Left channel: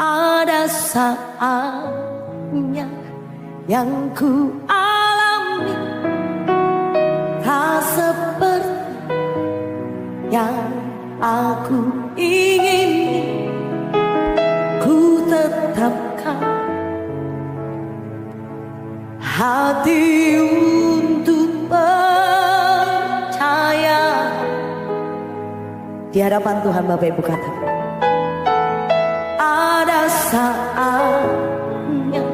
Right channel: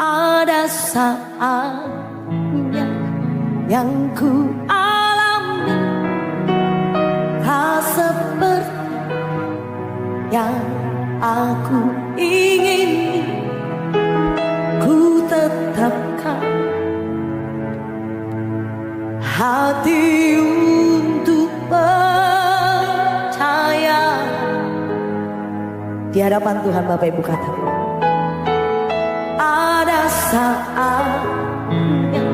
Ada saatnya yang ku alami tak seperti yang aku ingini. Ku tetapkan hati untuk percaya di hadapan Tuhan. Bapak Ibu katakan, ada saatnya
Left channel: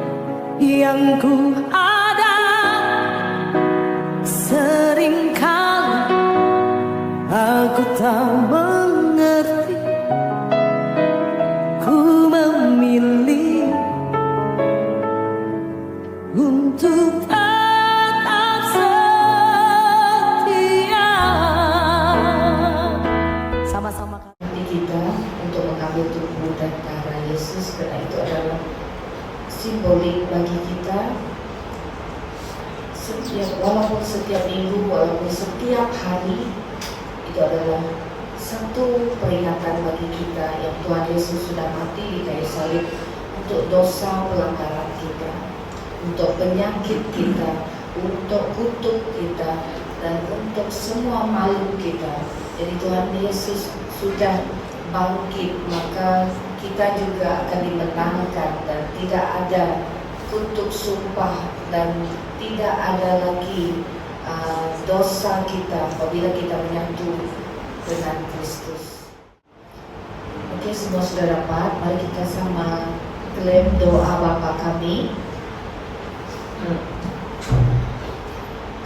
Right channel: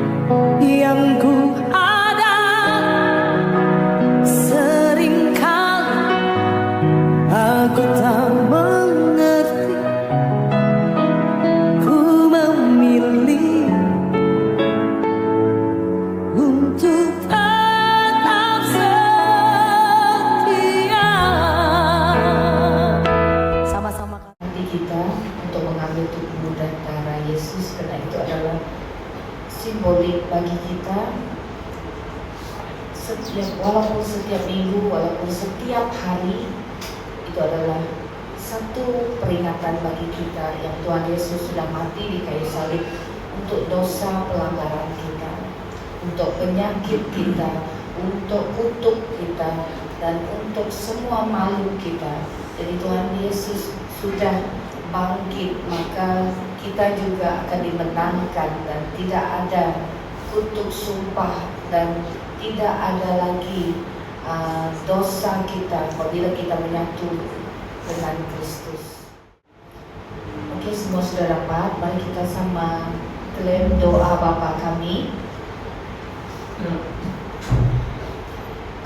yang ku ada, seringkali aku tak mengerti. Ku memilih untuk tetap setia. Sama-sama kita untuk mengambil tubuh dan darah Yesus, karena itu adalah simbolik bagi kita. Walaupun setiap minggu, walaupun setiap hari, itu adalah satu peringatan bagi kita yang Tuhan Yesus sudah mati di kayu salib untuk dosa pelanggaran kita, untuk penyakit kita, untuk kutuk kita, dan untuk semua malu kita. Jadi Tuhan Yesus sudah bangkit, maka kita juga akan dimenangkan dan tidak ada kutuk sumpah dan tidak ada lagi dosa kita apabila kita menyatu dengan Kristus. Oke, semua sudah dapat. Mari kita sama klaim doa Bapa kami.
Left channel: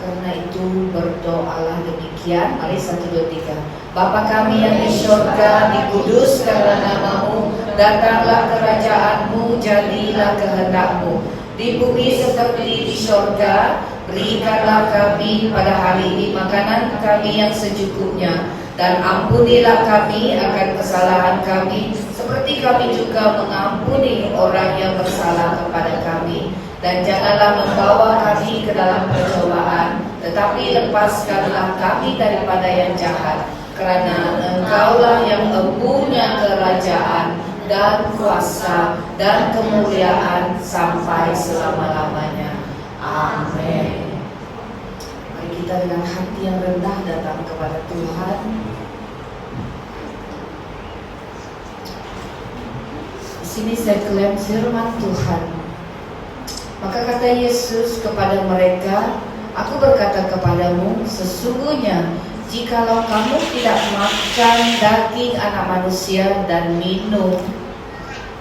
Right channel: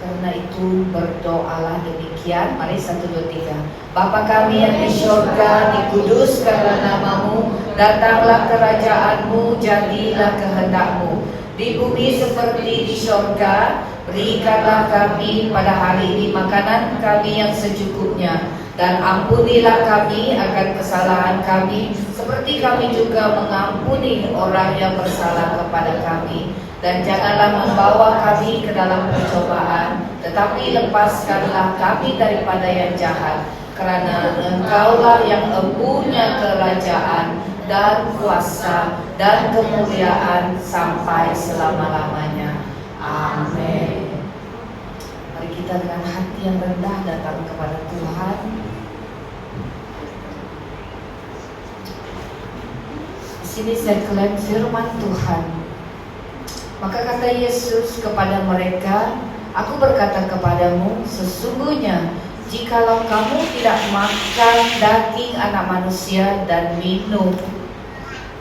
Karena itu berdoalah demikian. Mari 1, 2, 3. Bapa kami yang di surga, dikuduskanlah namamu, datanglah kerajaanmu, jadilah kehendakmu di bumi seperti di surga. Berikanlah kami pada hari ini makanan kami yang secukupnya, dan ampunilah kami akan kesalahan kami, seperti kami juga mengampuni orang yang bersalah kepada kami. Dan janganlah membawa kami ke dalam percobaan, tetapi lepaskanlah kami daripada yang jahat. Karena Engkaulah yang mempunyai kerajaan dan kuasa dan kemuliaan sampai selama-lamanya. Amin. Mari kita dengan hati yang rendah datang kepada Tuhan. Di sini saya klaim firman Tuhan. Maka kata Yesus kepada mereka, aku berkata kepadamu, sesungguhnya jikalau kamu tidak makan daging anak manusia dan minum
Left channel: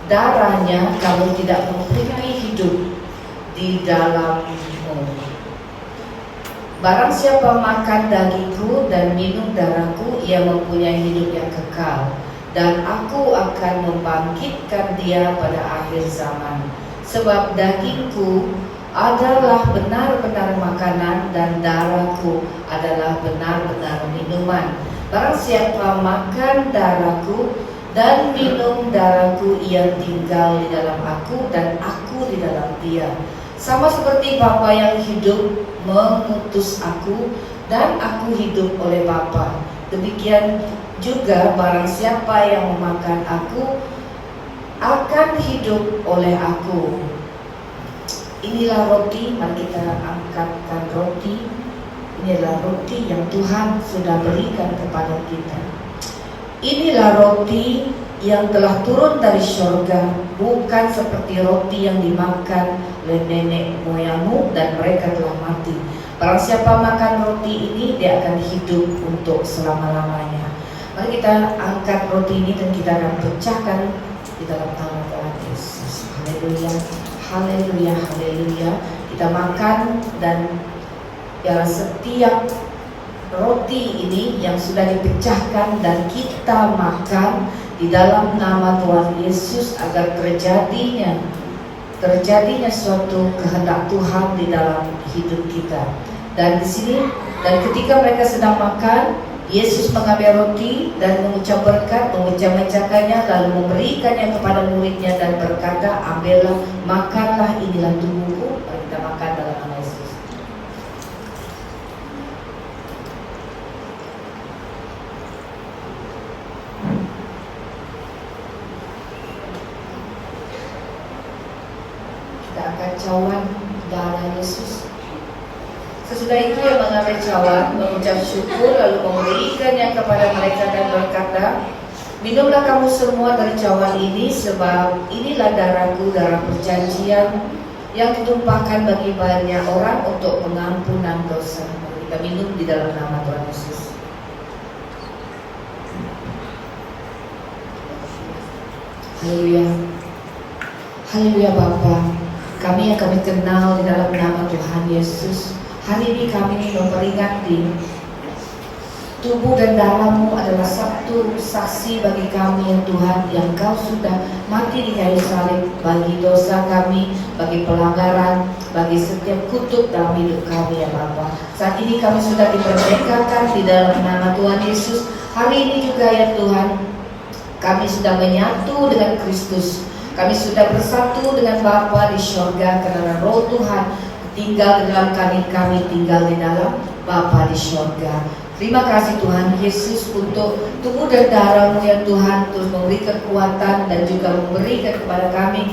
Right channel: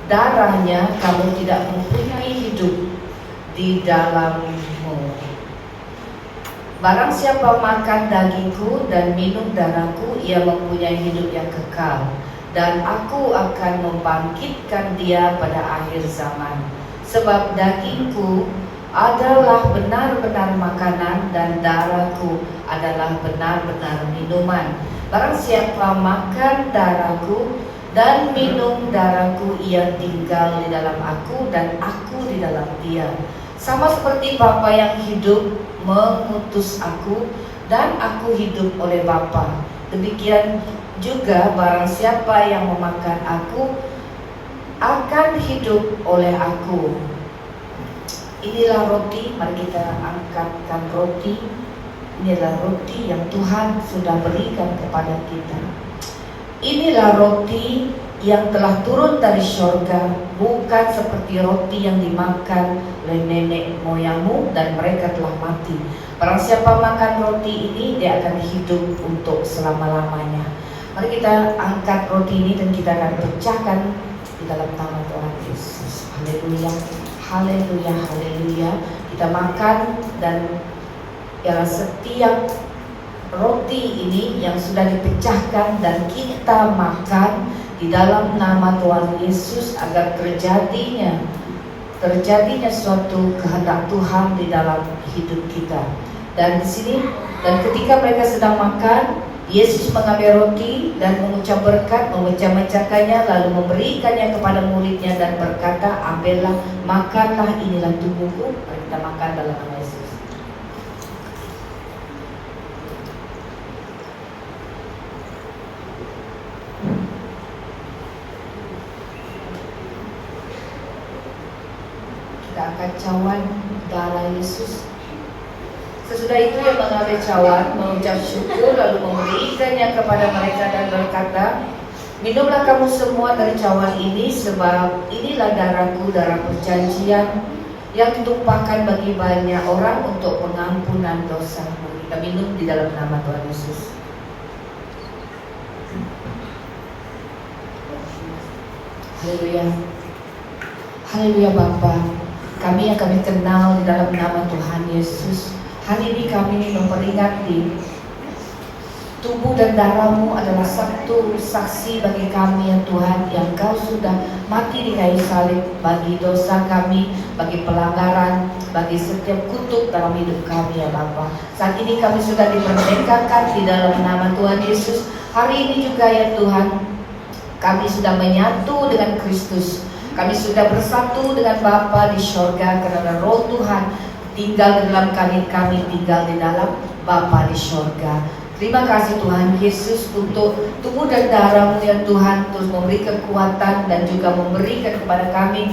darahnya, kamu tidak mempunyai hidup di dalammu. Barang siapa makan dagingku dan minum darahku, ia mempunyai hidup yang kekal, dan aku akan membangkitkan dia pada akhir zaman. Sebab dagingku adalah benar-benar makanan dan darahku adalah benar-benar minuman. Barang siapa makan darahku dan minum darahku, ia tinggal di dalam aku dan aku di dalam dia. Sama seperti Bapa yang hidup mengutus aku dan aku hidup oleh Bapa, demikian juga barang siapa yang memakan aku akan hidup oleh aku. Inilah roti, mari kita angkatkan roti. Inilah roti yang Tuhan sudah berikan kepada kita. Inilah roti yang telah turun dari surga, bukan seperti roti yang dimakan oleh nenek moyangmu dan mereka telah mati. Barang siapa makan roti ini, dia akan hidup untuk selama-lamanya. Mari kita angkat roti ini dan kita akan pecahkan di dalam tangan Tuhan Yesus. Haleluya, haleluya, haleluya. Kita makan dan setiap roti ini yang sudah dipecahkan dan kita makan di dalam nama Tuhan Yesus, agar terjadinya suatu kehendak Tuhan di dalam hidup kita. Dan di sini, dan ketika mereka sedang makan, Yesus mengambil roti dan mengucap berkat, memecah-mecahkannya, lalu memberikannya kepada muridnya dan berkata, ambillah, makanlah, inilah tubuhku. Kita makan dalam nama Yesus. kita akan cawan darah Yesus. Sesudah itu ia mengambil cawan, mengucap syukur, lalu memberikannya kepada mereka dan berkata, minumlah kamu semua dari cawan ini, sebab inilah darahku, darah perjanjian yang ditumpahkan bagi banyak orang untuk pengampunan dosa. Kita minum di dalam nama Tuhan Yesus. Haleluya. Haleluya Bapa. Kami yang kami kenal di dalam nama Tuhan Yesus. Hari ini kami memperingati tubuh dan darah-Mu adalah satu saksi bagi kami ya Tuhan, yang Kau sudah mati di kayu salib bagi dosa kami, bagi pelanggaran, bagi setiap kutuk dalam hidup kami ya Bapa. Saat ini kami sudah dimerdekakan di dalam nama Tuhan Yesus. Hari ini juga ya Tuhan, kami sudah menyatu dengan Kristus. Kami sudah bersatu dengan Bapa di sorga karena Roh Tuhan tinggal di dalam kami tinggal di dalam Bapa di sorga. Terima kasih Tuhan Yesus untuk tubuh dan darah-Mu ya Tuhan, terus memberi kekuatan dan juga memberikan kepada kami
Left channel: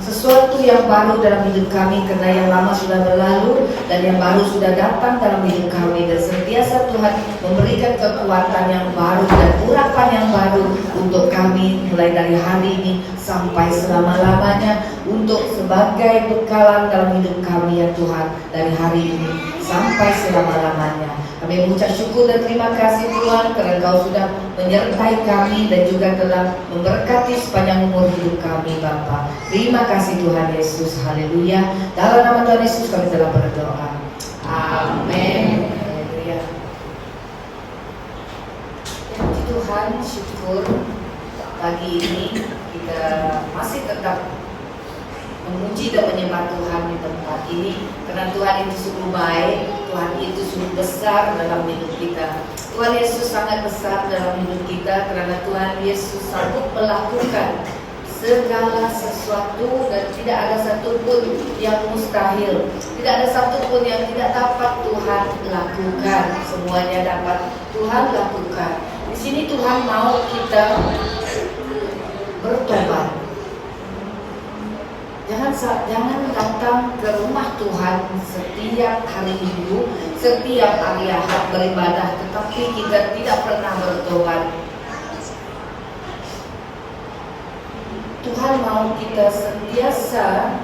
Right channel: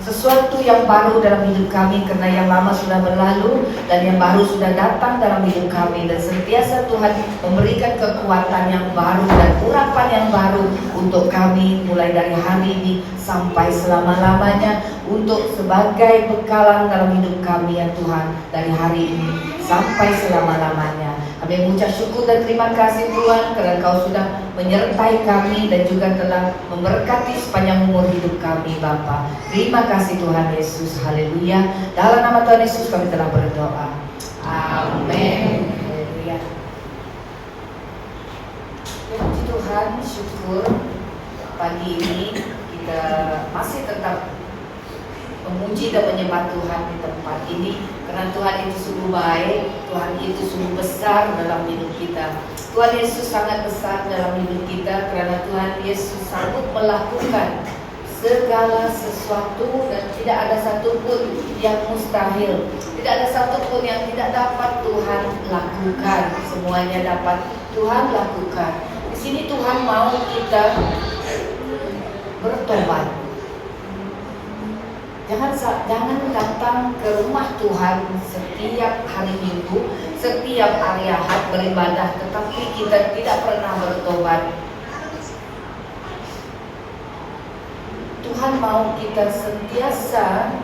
sesuatu yang baru dalam hidup kami, karena yang lama sudah berlalu dan yang baru sudah datang dalam hidup kami. Dan sentiasa Tuhan memberikan kekuatan yang baru dan urapan yang baru untuk kami mulai dari hari ini sampai selama-lamanya, untuk sebagai bekalan dalam hidup kami ya Tuhan, dari hari ini sampai selama-lamanya. Kami mengucap syukur dan terima kasih Tuhan karena Kau sudah menyertai kami dan juga telah memberkati sepanjang umur hidup kami Bapa. Terima kasih Tuhan Yesus. Haleluya. Dalam nama Tuhan Yesus kami telah berdoa. Amin. Haleluya. Ya, puji Tuhan, syukur pagi ini kita masih tetap memuji dan menyembah Tuhan di tempat ini, karena Tuhan itu sungguh baik, Tuhan itu sungguh besar dalam hidup kita. Tuhan Yesus sangat besar dalam hidup kita, karena Tuhan Yesus sanggup melakukan segala sesuatu dan tidak ada satupun yang mustahil, tidak ada satupun yang tidak dapat Tuhan lakukan. Semuanya dapat Tuhan lakukan. Di sini Tuhan mau kita bertobat. Jangan datang ke rumah Tuhan setiap hari Minggu, setiap hari Ahad beribadah, tetapi kita tidak pernah bertobat. Tuhan mau kita sentiasa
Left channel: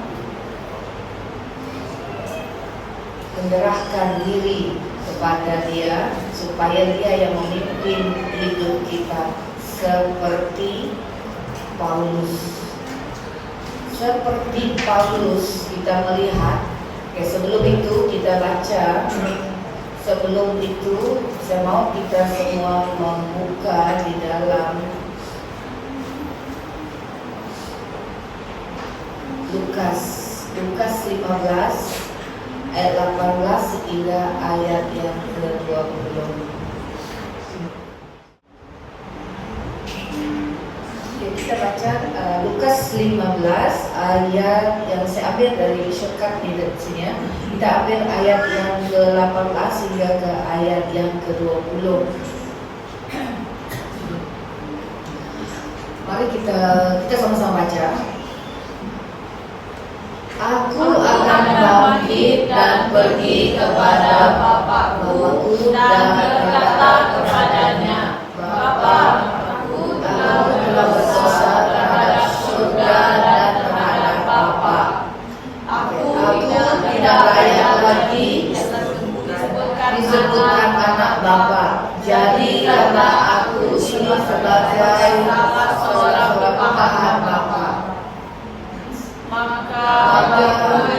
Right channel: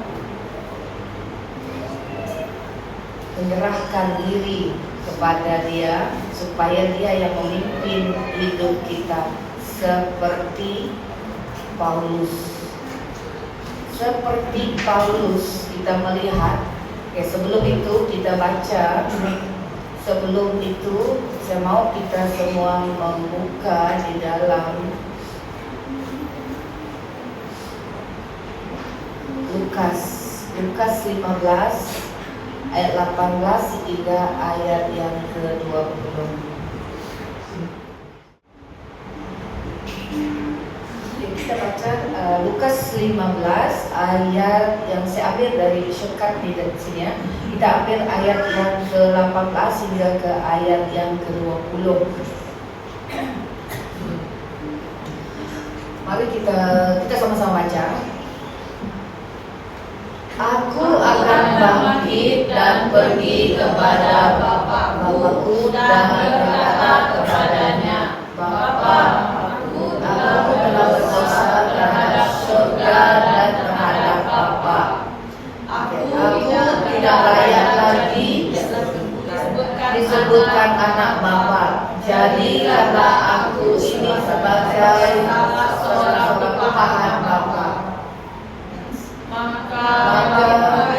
menyerahkan diri kepada Dia, supaya Dia yang memimpin hidup kita, seperti Paulus. Seperti Paulus kita melihat, sebelum itu kita baca, sebelum itu saya mau kita semua membuka di dalam Lukas 15 ayat 18 hingga ayat yang ke-20. Kita baca Lukas 15 ayat yang saya ambil dari shortcut di sini ya. Kita ambil ayat yang ke-18 hingga ke ayat yang ke-20. Mari kita sama-sama baca. Aku akan bangkit dan pergi kepada Bapakku dan berkata kepadanya, Bapa, aku telah berdosa terhadap surga dan terhadap Bapa. Aku tidak layak lagi disebutkan anak Bapa. Jadikanlah aku ini sebagai seorang bahan Bapa. Maka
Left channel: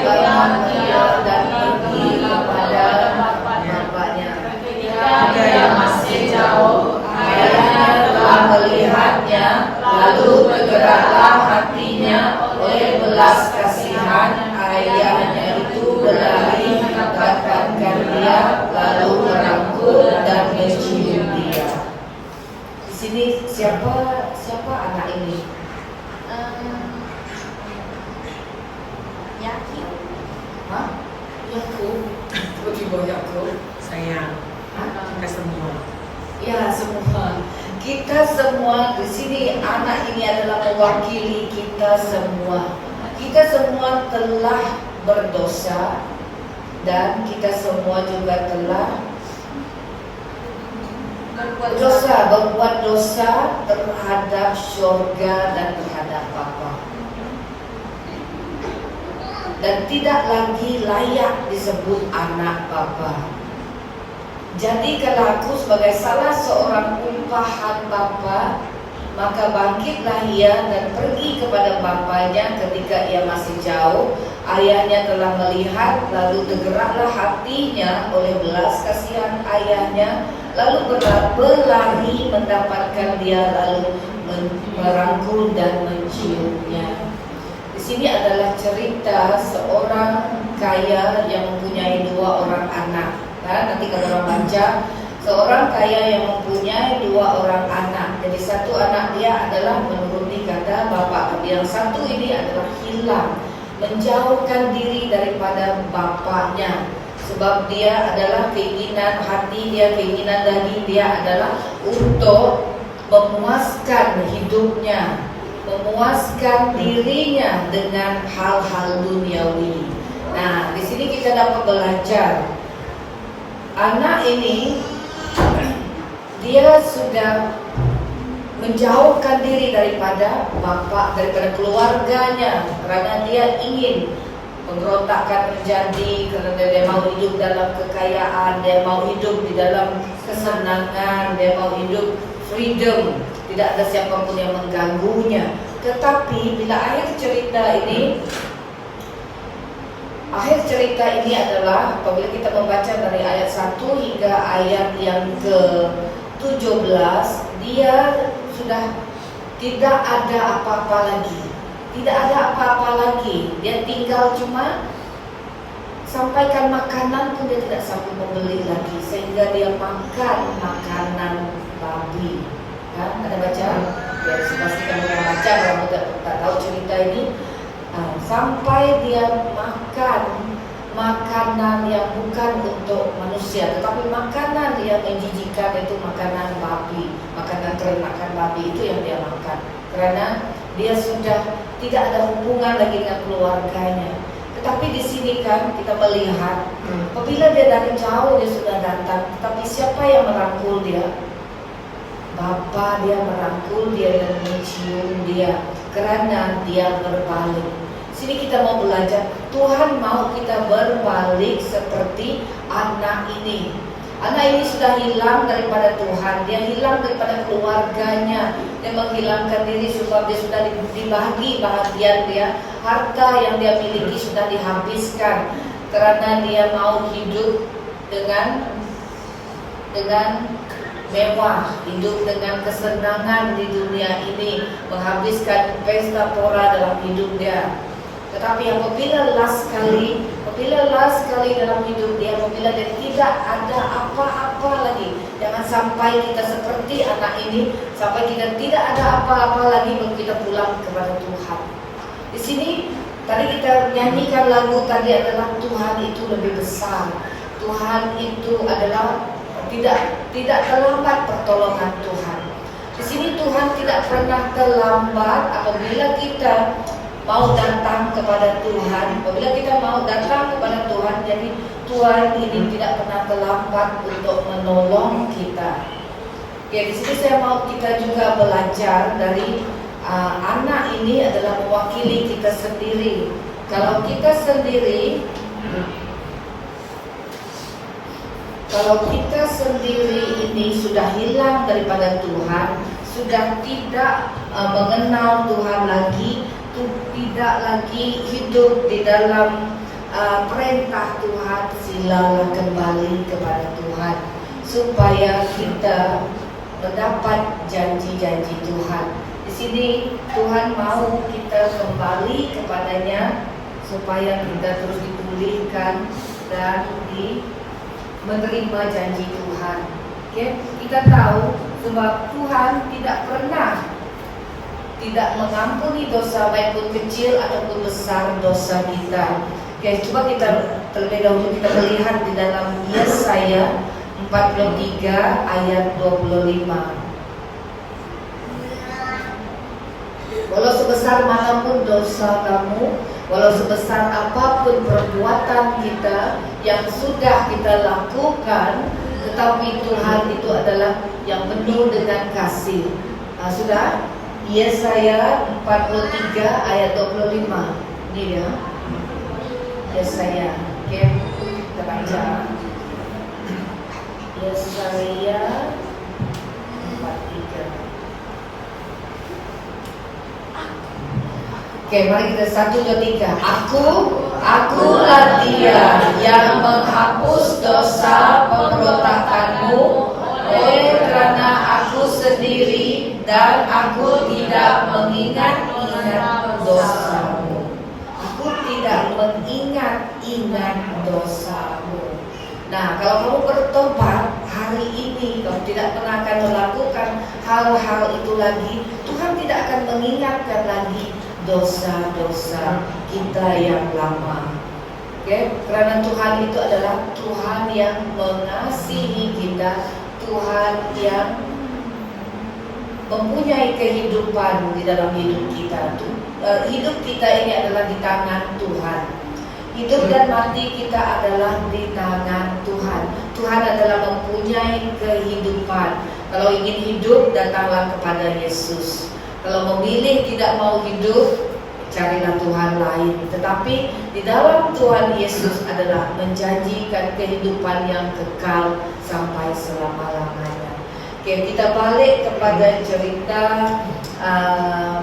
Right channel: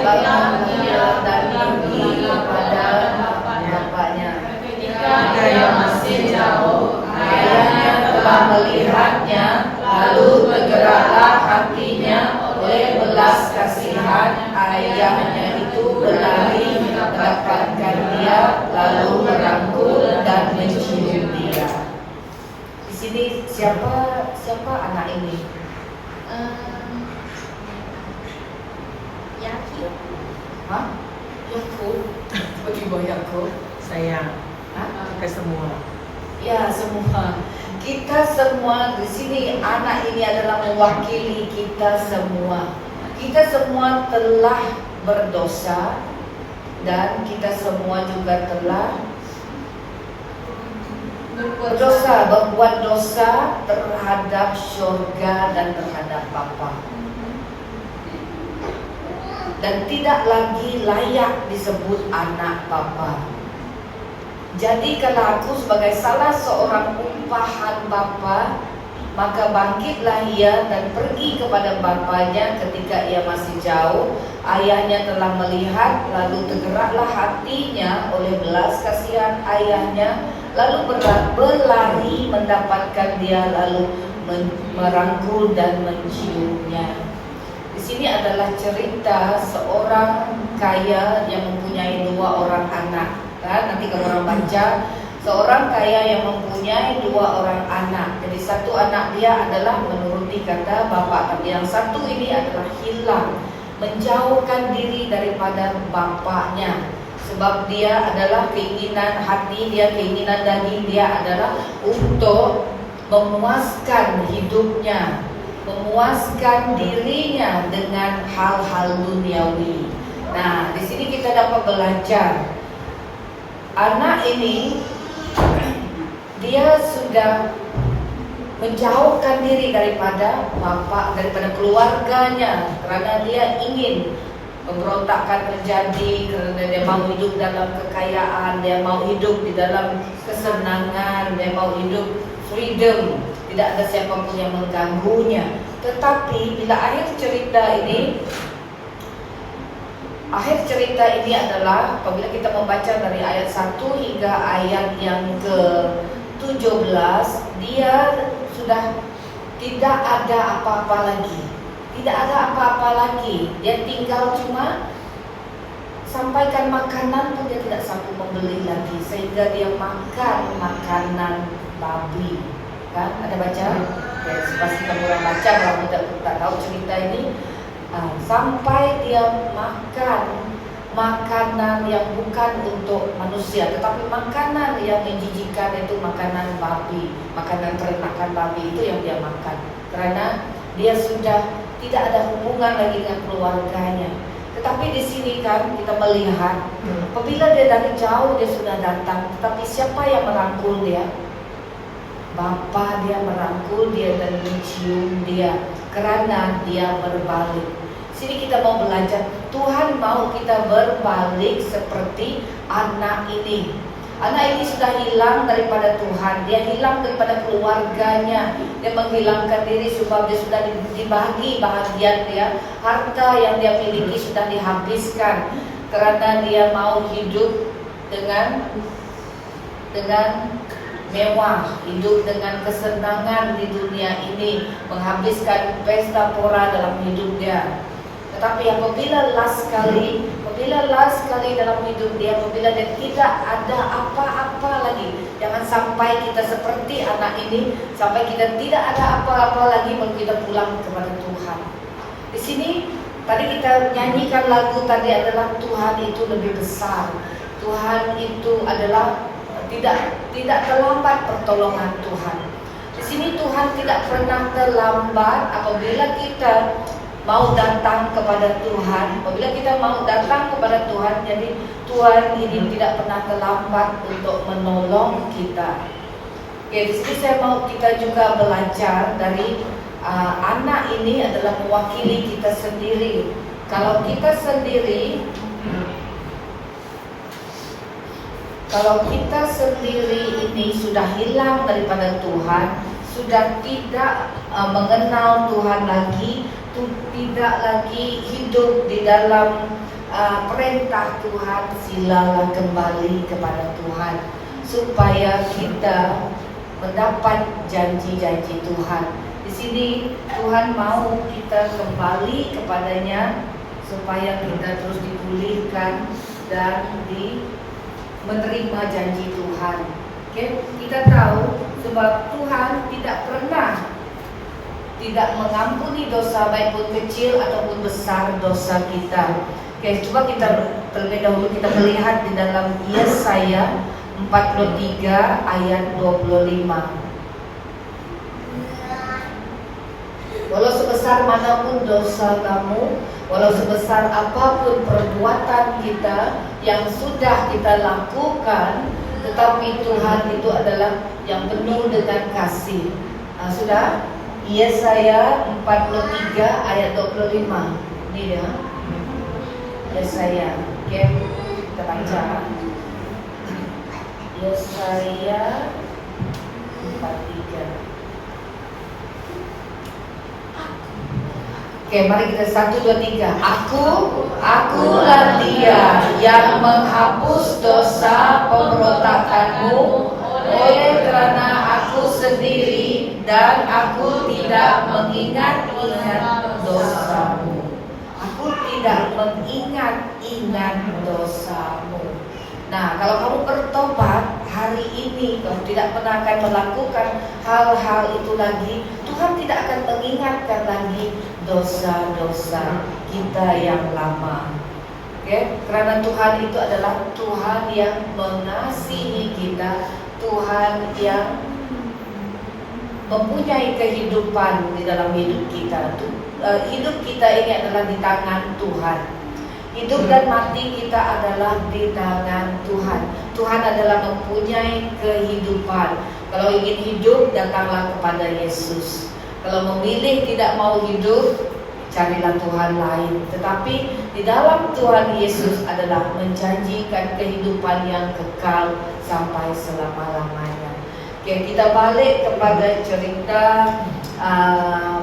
bagaimana ia dan pergi kepada bapaknya. Ketika yang masih jauh, ayahnya telah melihatnya, lalu tergeraklah hatinya oleh belas kasihan. Ayahnya itu berlari mendapatkan dia, lalu merangkul dan mencium dia. Di sini siapa anak ini? Hah? Yakub? Tiba-tiba Yakub? Saya. Hah? Sampai semua. Ya, semua. Kita semua di sini, anak ini adalah mewakili kita semua. Kita semua telah berdosa dan kita semua juga telah berdosa, berbuat dosa terhadap surga dan terhadap Bapa, dan tidak lagi layak disebut anak Bapa. Jadi kalau aku sebagai salah seorang umpahan Bapa, maka bangkitlah ia dan pergi kepada bapanya ketika ia masih jauh. Ayahnya telah melihat, lalu tergeraklah hatinya oleh belas kasihan ayahnya, lalu berlari mendapatkan dia, lalu merangkul dan menciumnya. Di sini adalah cerita seorang kaya yang mempunyai 2 orang anak. Dan nanti kalau orang baca, seorang kaya yang mempunyai 2 orang anak. Jadi satu anak dia adalah menuruti kata bapak, yang satu ini adalah hilang, menjauhkan diri daripada bapaknya. Sebab dia adalah keinginan hati dia, keinginan daging dia adalah untuk memuaskan hidupnya, memuaskan dirinya dengan hal-hal duniawi. Nah, di sini kita dapat belajar, anak ini dia sudah menjauhkan diri daripada bapak, daripada keluarganya, karena dia ingin pemberontakan terjadi, karena dia mau hidup dalam kekayaan, dia mau hidup di dalam kesenangan, dia mau hidup freedom, tidak ada siapapun yang mengganggunya. Tetapi bila akhir cerita ini adalah apabila kita membaca dari ayat 1 hingga ayat yang ke-17, dia sudah tidak ada apa-apa lagi. Tidak ada apa-apa lagi. Dia tinggal cuma sampaikan makanan pun dia tidak sanggup membeli lagi, sehingga dia makan makanan babi. Kan? Ada baca? Ya, pastikan orang baca, orang tak tahu cerita ini. Sampai dia makan makanan yang bukan untuk manusia, tetapi makanan yang menjijikan, itu makanan babi, makanan peternakan babi, itu yang dia makan. Karena dia sudah tidak ada hubungan lagi dengan keluarganya. Tetapi di sini kan kita melihat, apabila dia dari jauh dia sudah datang, tetapi siapa yang merangkul dia? Bapa dia merangkul dia dan mencium dia, karena dia berbalik. Sini kita mau belajar, Tuhan mau kita berbalik seperti anak ini. Anak ini sudah hilang daripada Tuhan, dia hilang daripada keluarganya, dia menghilangkan diri sebab dia sudah dibagi bahagian dia, harta yang dia miliki sudah dihabiskan, karena dia mau hidup dengan mewah, hidup dengan kesenangan di dunia ini, menghabiskan pesta pora dalam hidup dia. Tetapi apabila last sekali dalam hidup dia, apabila dia tidak ada apa-apa lagi, jangan sampai kita seperti anak ini, sampai kita tidak ada apa-apa lagi baru kita pulang kepada Tuhan. Di sini tadi kita nyanyikan lagu tadi adalah Tuhan itu lebih besar. Tuhan itu adalah tidak terlambat pertolongan Tuhan. Di sini Tuhan tidak pernah terlambat apabila kita mau datang kepada Tuhan. Apabila kita mau datang kepada Tuhan, jadi Tuhan ini tidak pernah terlambat untuk menolong kita. Ya, di sini saya mau kita juga belajar dari anak ini adalah mewakili kita sendiri. Kalau kita sendiri ini sudah hilang daripada Tuhan, sudah tidak mengenal Tuhan lagi, tidak lagi hidup di dalam perintah Tuhan, silalah kembali kepada Tuhan supaya kita mendapat janji-janji Tuhan. Di sini Tuhan mau kita kembali kepadanya supaya kita terus dipulihkan dan menerima janji Tuhan. Okay? Kita tahu sebab Tuhan tidak pernah tidak mengampuni dosa baik pun kecil ataupun besar dosa kita. Oke, coba kita terlebih dahulu kita melihat di dalam Yesaya 43 ayat 25. sebesar manapun dosa kamu, walau sebesar apapun perbuatan kita yang sudah kita lakukan, tetapi Tuhan itu adalah yang penuh dengan kasih. Sudah? Yesaya 43 ayat 25. Ini dia. Yesaya. Oke, kita baca. Yesaya 43. Oke, mari kita 1, 2, 3. Akulah dia yang menghapus dosa pemberontakanmu, oleh karena aku sendiri dan aku tidak mengingat-ingat dosamu. Aku tidak mengingat-ingat dosamu. Nah, kalau kamu bertobat hari ini, kamu tidak pernah akan melakukan hal-hal itu lagi, Tuhan tidak akan mengingatkan lagi dosa-dosa kita yang lama. Oke? Karena Tuhan itu adalah Tuhan yang mengasihi kita, Tuhan yang mempunyai kehidupan di dalam hidup kita. Hidup kita ini adalah di tangan Tuhan. Hidup dan mati kita adalah di tangan Tuhan. Tuhan adalah mempunyai kehidupan. Kalau ingin hidup, datanglah kepada Yesus. Kalau memilih tidak mau hidup, carilah Tuhan lain. Tetapi di dalam Tuhan Yesus adalah menjanjikan kehidupan yang kekal sampai selama-lamanya. Oke, kita balik kepada cerita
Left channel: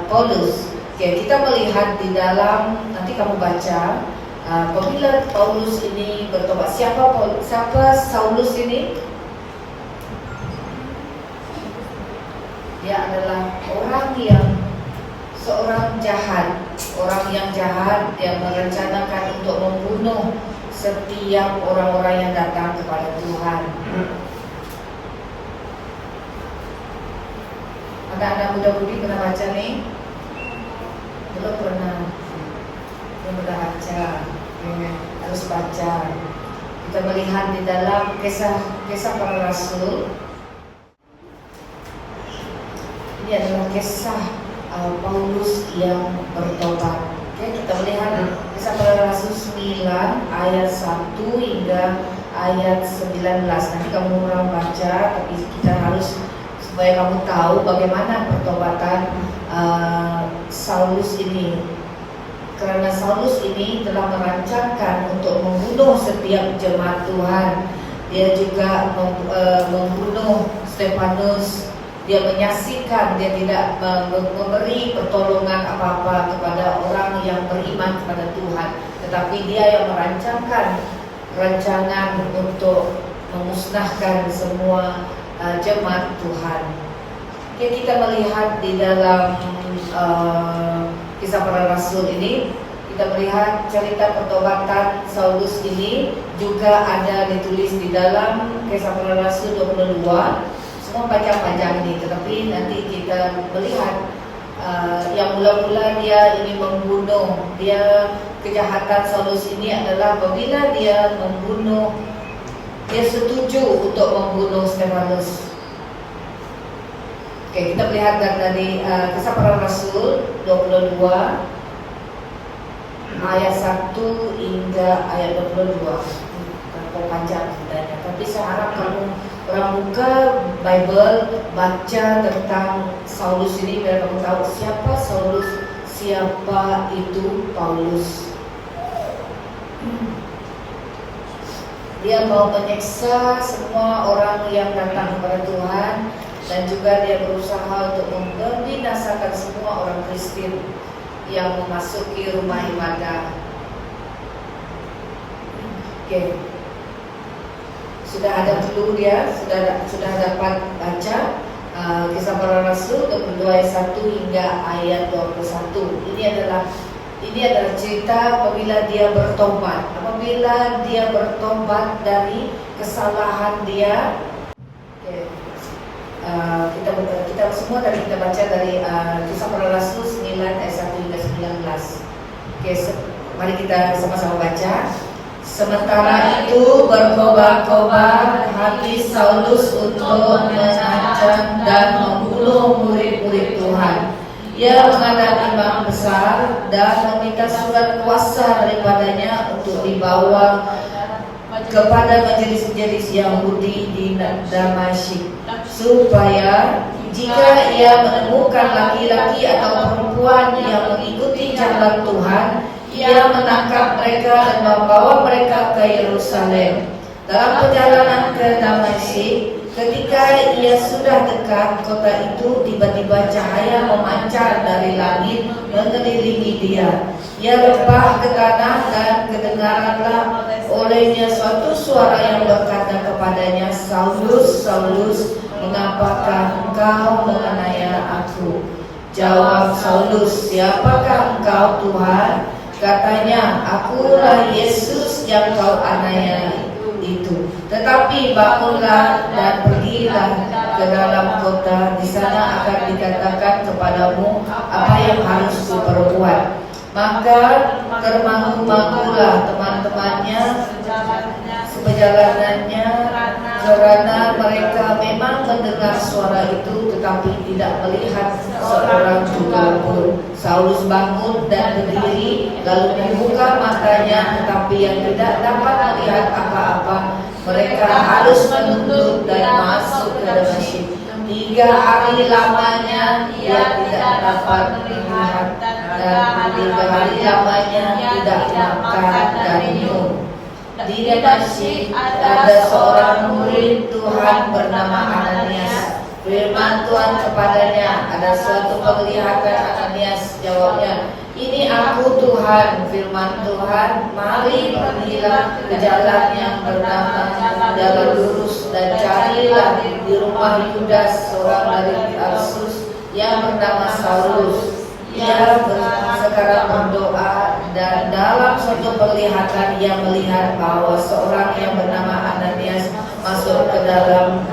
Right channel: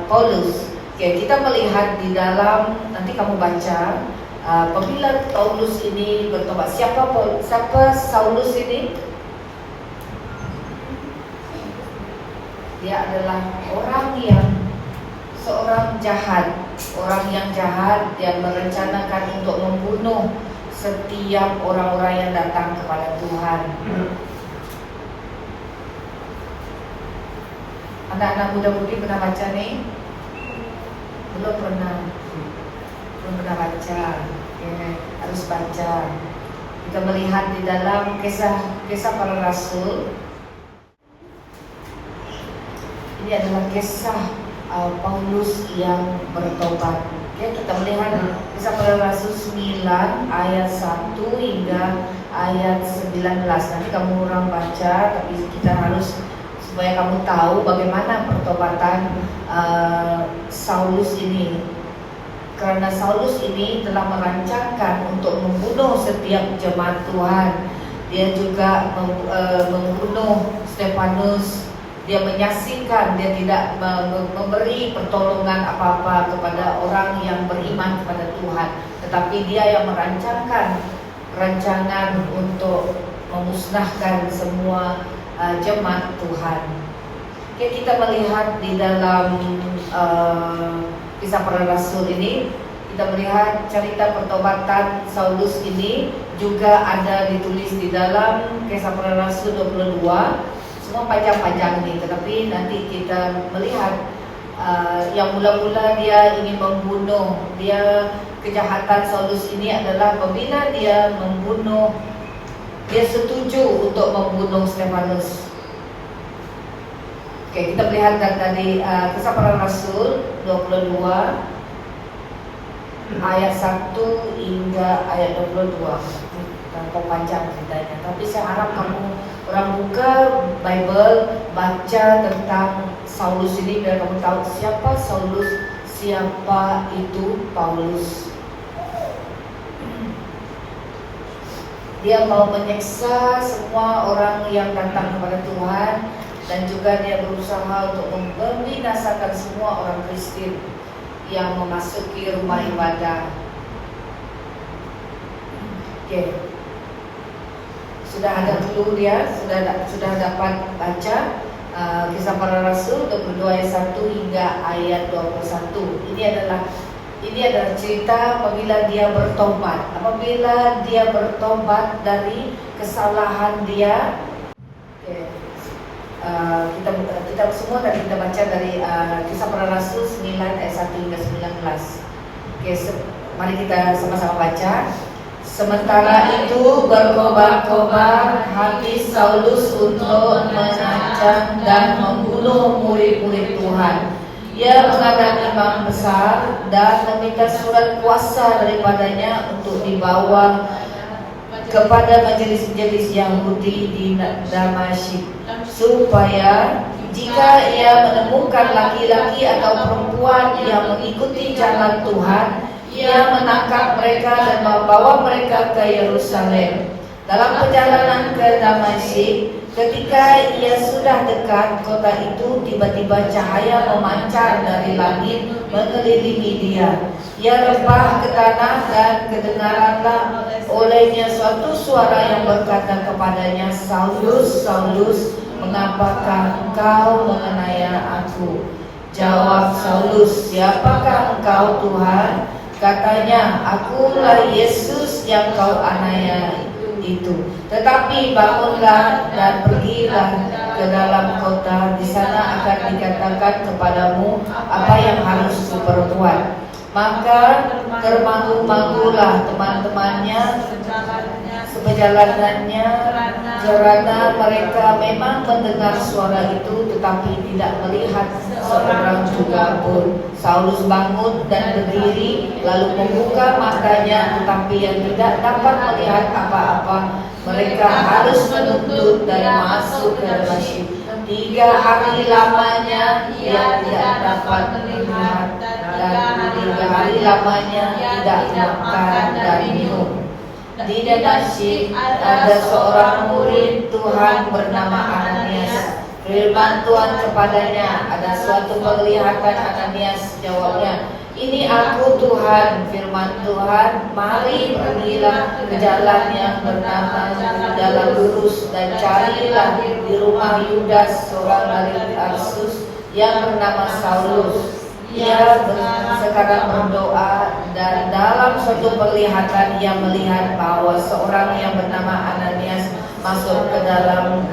Paulus. Oke, kita melihat di dalam, nanti kamu baca, apabila Paulus ini bertobat. Siapa Saulus ini? Dia adalah seorang jahat, orang yang jahat yang merencanakan untuk membunuh setiap orang-orang yang datang kepada Tuhan. Anak-anak muda-mudi pernah baca nih? Belum pernah baca. Harus baca. Kita melihat di dalam kisah para rasul. Ini adalah kisah Paulus yang bertobat. Oke, kita melihat kisah para rasul 9 ayat 1 hingga ayat 19. Nanti kamu orang baca, tapi kita harus supaya kamu tahu bagaimana pertobatan Saulus ini. Karena Saulus ini telah merancangkan untuk membunuh setiap jemaat Tuhan. Dia juga membunuh Stefanus. Dia menyaksikan, dia tidak memberi pertolongan apa-apa kepada orang yang beriman kepada Tuhan. Tetapi dia yang merancangkan rancangan untuk memusnahkan semua jemaat Tuhan. Oke, kita melihat di dalam kisah para rasul ini, kita melihat cerita pertobatan Saulus ini juga ada ditulis di dalam kisah para rasul 22. Semua panjang-panjang ini, tetapi nanti kita melihat yang mula-mula dia ingin membunuh. Kejahatan Saulus ini adalah apabila dia setuju untuk membunuh Stefanus. Oke, kita melihat dari kisah para rasul 22 ayat 1 hingga ayat 22. Terlalu panjang sebenarnya, tapi saya harap kamu orang buka Bible, baca tentang Saulus ini biar kamu tahu siapa Saulus, siapa itu Paulus. Dia mau menyiksa semua orang yang datang kepada Tuhan, dan juga dia berusaha untuk membinasakan semua orang Kristen yang memasuki rumah ibadah. Oke. Sudah ada dulu dia, sudah dapat baca kisah para rasul 22 ayat 1 hingga ayat 21. Ini adalah cerita apabila dia bertobat. Apabila dia bertobat dari kesalahan dia. Oke. Kita semua tadi kita baca dari kisah para rasul 9 ayat 1 hingga 19. Oke, mari kita sama-sama baca. Sementara itu berkobar-kobar hati Saulus untuk mengancam dan membunuh murid-murid Tuhan. Ia menghadap imam besar dan meminta surat kuasa daripadanya untuk dibawa kepada majelis-majelis Yahudi di Damaskus, supaya jika ia menemukan laki-laki atau perempuan yang mengikuti jalan Tuhan, ia menangkap mereka dan membawa mereka ke Yerusalem. Dalam perjalanan ke Damaskus, ketika ia sudah dekat kota itu, tiba-tiba cahaya memancar dari langit mengelilingi dia. Ia lempah ke tanah dan kedengaranlah olehnya suatu suara yang berkata kepadanya, "Saulus, Saulus, mengapakah engkau menganiaya aku?" Jawab Saulus, "Siapakah engkau, Tuhan?" Katanya, "Akulah Yesus yang kau aniaya itu. Tetapi bangunlah dan pergilah ke dalam kota, di sana akan dikatakan kepadamu apa yang harus diperbuat." Maka termangu-mangulah teman-temannya seperjalanannya, karena mereka memang mendengar suara itu tetapi tidak melihat seorang juga pun. Saulus bangun dan berdiri, lalu membuka matanya, tetapi yang tidak dapat melihat apa-apa. Mereka harus menuntut dan masuk ke Damaskus. 3 hari lamanya ia tidak dapat melihat, dan 3 hari lamanya tidak makan dan minum. Di Damaskus ada seorang murid Tuhan bernama Ananias. Firman Tuhan kepadanya, "Ada suatu penglihatan." Ananias jawabnya, "Ini aku, Tuhan." Firman Tuhan, "Mari pergilah ke jalan yang bernama Jalan Lurus dan carilah di rumah Yudas seorang dari Tarsus yang bernama Saulus. Ia sekarang berdoa, dan dalam suatu penglihatan ia melihat bahwa seorang yang bernama Ananias masuk ke dalam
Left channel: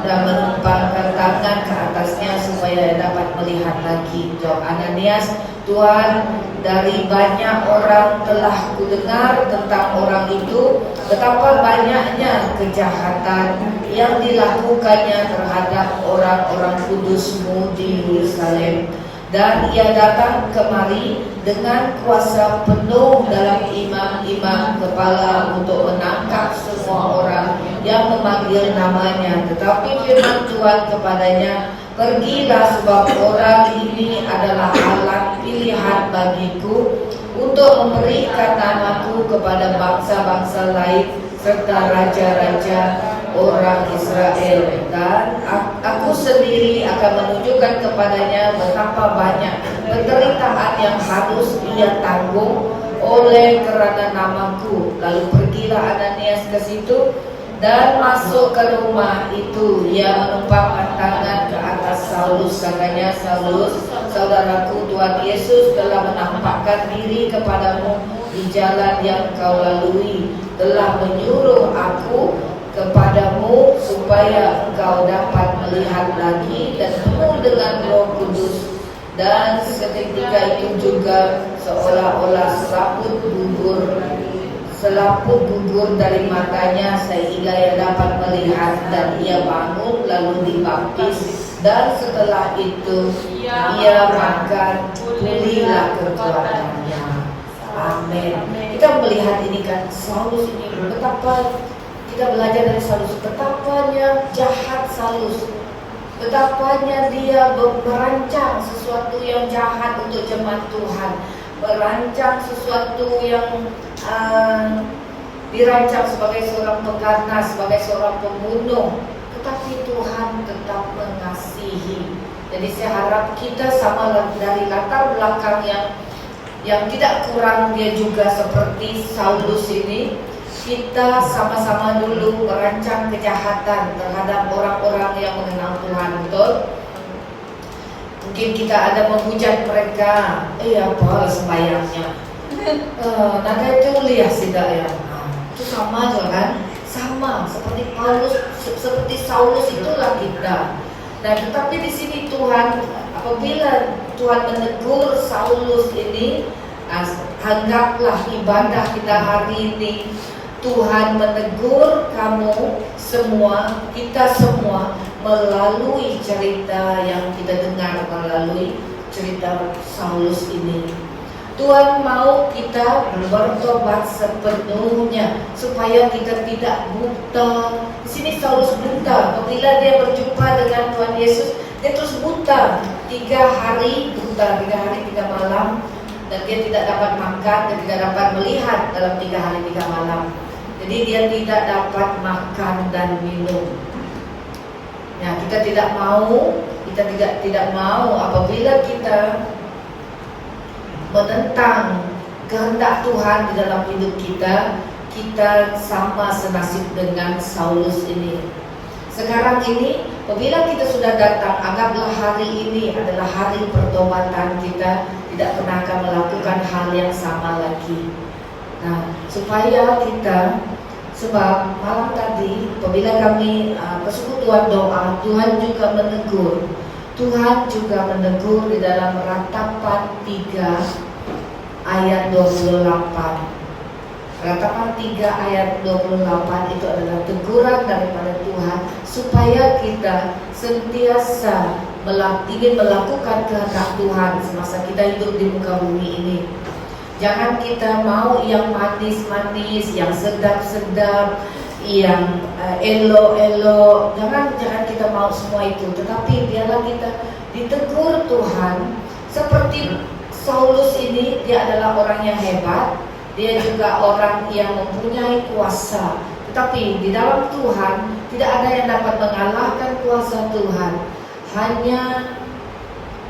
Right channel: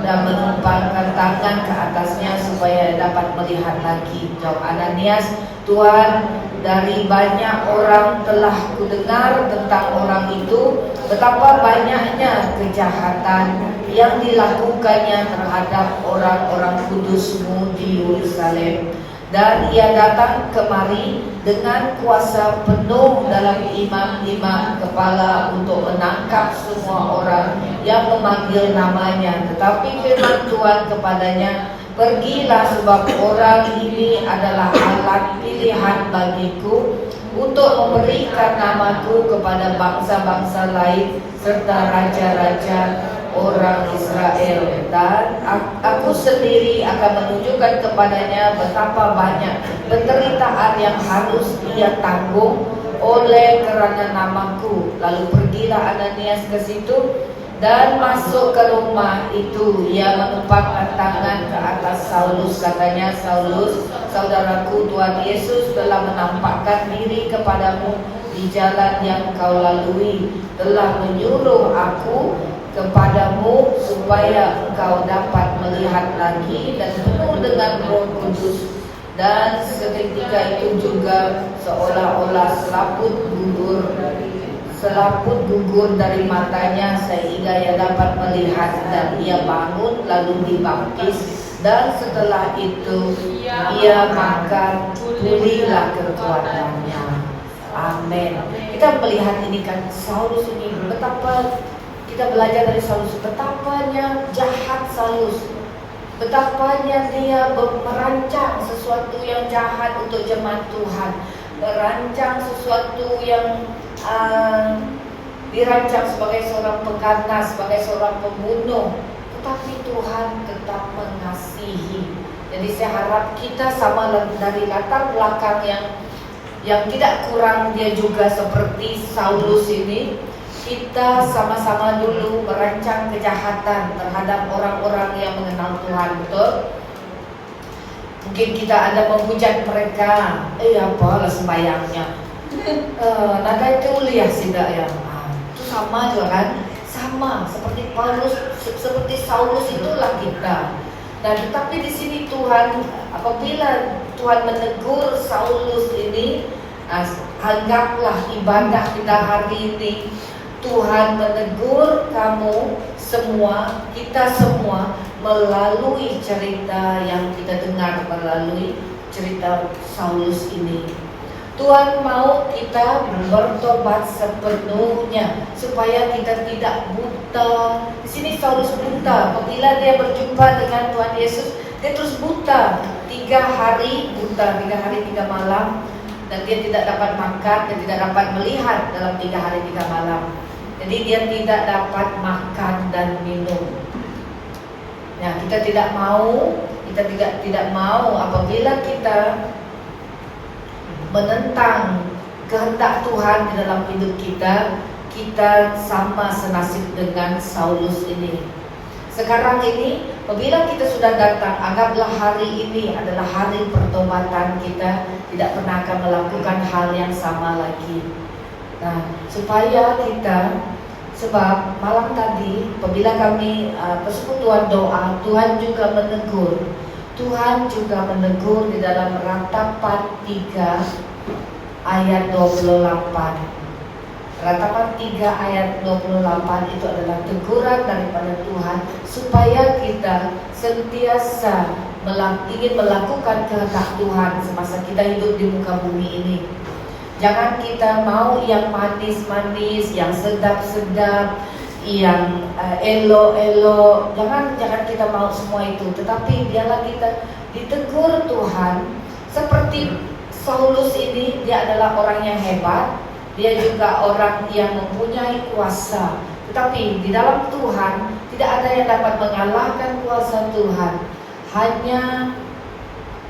dan menumpangkan tangan ke atasnya supaya dapat melihat lagi." Jawab Ananias, "Tuhan, dari banyak orang telah kudengar tentang orang itu, betapa banyaknya kejahatan yang dilakukannya terhadap orang-orang kudus-Mu di Yerusalem. Dan ia datang kemari dengan kuasa penuh dalam imam-imam kepala untuk menangkap semua orang yang memanggil namanya. Tetapi firman Tuhan kepadanya, "Pergilah, sebab orang ini adalah alat pilihan bagiku untuk memberikan namaku kepada bangsa-bangsa lain serta raja-raja orang Israel, dan aku sendiri akan menunjukkan kepadanya betapa banyak penderitaan yang harus ia tanggung oleh kerana namaku." Lalu pergilah Ananias ke situ dan masuk ke rumah itu. Ia menumpangkan tangan ke atas Saulus. Katanya, "Saulus, saudaraku, Tuhan Yesus telah menampakkan diri kepadamu di jalan yang kau lalui, telah menyuruh aku kepadamu supaya engkau dapat melihat lagi dan penuh dengan Roh Kudus." Dan seketika itu juga seolah-olah selaput gugur dari matanya sehingga ia dapat melihat, dan ia bangun lalu dibaptis, dan setelah itu ia makan, pulihlah kekuatannya. Amin. Kita melihat ini kan, Saulus ini betapa kita belajar dari Saulus, betapanya jahat Saulus, betapanya dia merancang sesuatu yang jahat untuk jemaat Tuhan, merancang sesuatu yang dirancang sebagai seorang pengganas, sebagai seorang pembunuh, tetapi Tuhan tetap mengasihi. Jadi saya harap kita sama dari latar belakang yang tidak kurang, dia juga seperti Saulus ini. Kita sama-sama dulu merancang kejahatan terhadap orang-orang yang mengenal Tuhan, betul? Mungkin kita ada menghujat mereka, apa sembahyangnya, nada itu lihat tidak ya, itu sama juga kan, sama seperti Paulus, seperti Saulus itulah kita. Nah, tetapi di sini Tuhan, apabila Tuhan menegur Saulus ini, anggaplah ibadah kita hari ini. Tuhan menegur kamu semua, kita semua, melalui cerita yang kita dengar, melalui cerita Saulus ini. Tuhan mau kita bertobat sepenuhnya supaya kita tidak buta. Di sini Saulus buta. Apabila dia berjumpa dengan Tuhan Yesus, dia terus buta. 3 hari buta, 3 hari 3 malam, dan dia tidak dapat makan dan tidak dapat melihat dalam 3 hari 3 malam. Jadi dia tidak dapat makan dan minum. Nah, kita tidak mau apabila kita menentang kehendak Tuhan di dalam hidup kita, kita sama senasib dengan Saulus ini. Sekarang ini, apabila kita sudah datang, anggaplah hari ini adalah hari pertobatan kita, tidak pernah akan melakukan hal yang sama lagi. Nah, supaya kita, sebab malam tadi, apabila kami persekutuan doa, Tuhan juga menegur. Tuhan juga menegur di dalam Ratapan 3 ayat 28. Ratapan 3 ayat 28 itu adalah teguran daripada Tuhan supaya kita sentiasa ingin melakukan kehendak Tuhan semasa kita hidup di muka bumi ini. Jangan kita mau yang manis-manis, yang sedap-sedap, yang elo-elo. Jangan kita mau semua itu. Tetapi biarlah kita ditegur Tuhan. Seperti Saulus ini, dia adalah orang yang hebat. Dia juga orang yang mempunyai kuasa. Tetapi di dalam Tuhan tidak ada yang dapat mengalahkan kuasa Tuhan. Hanya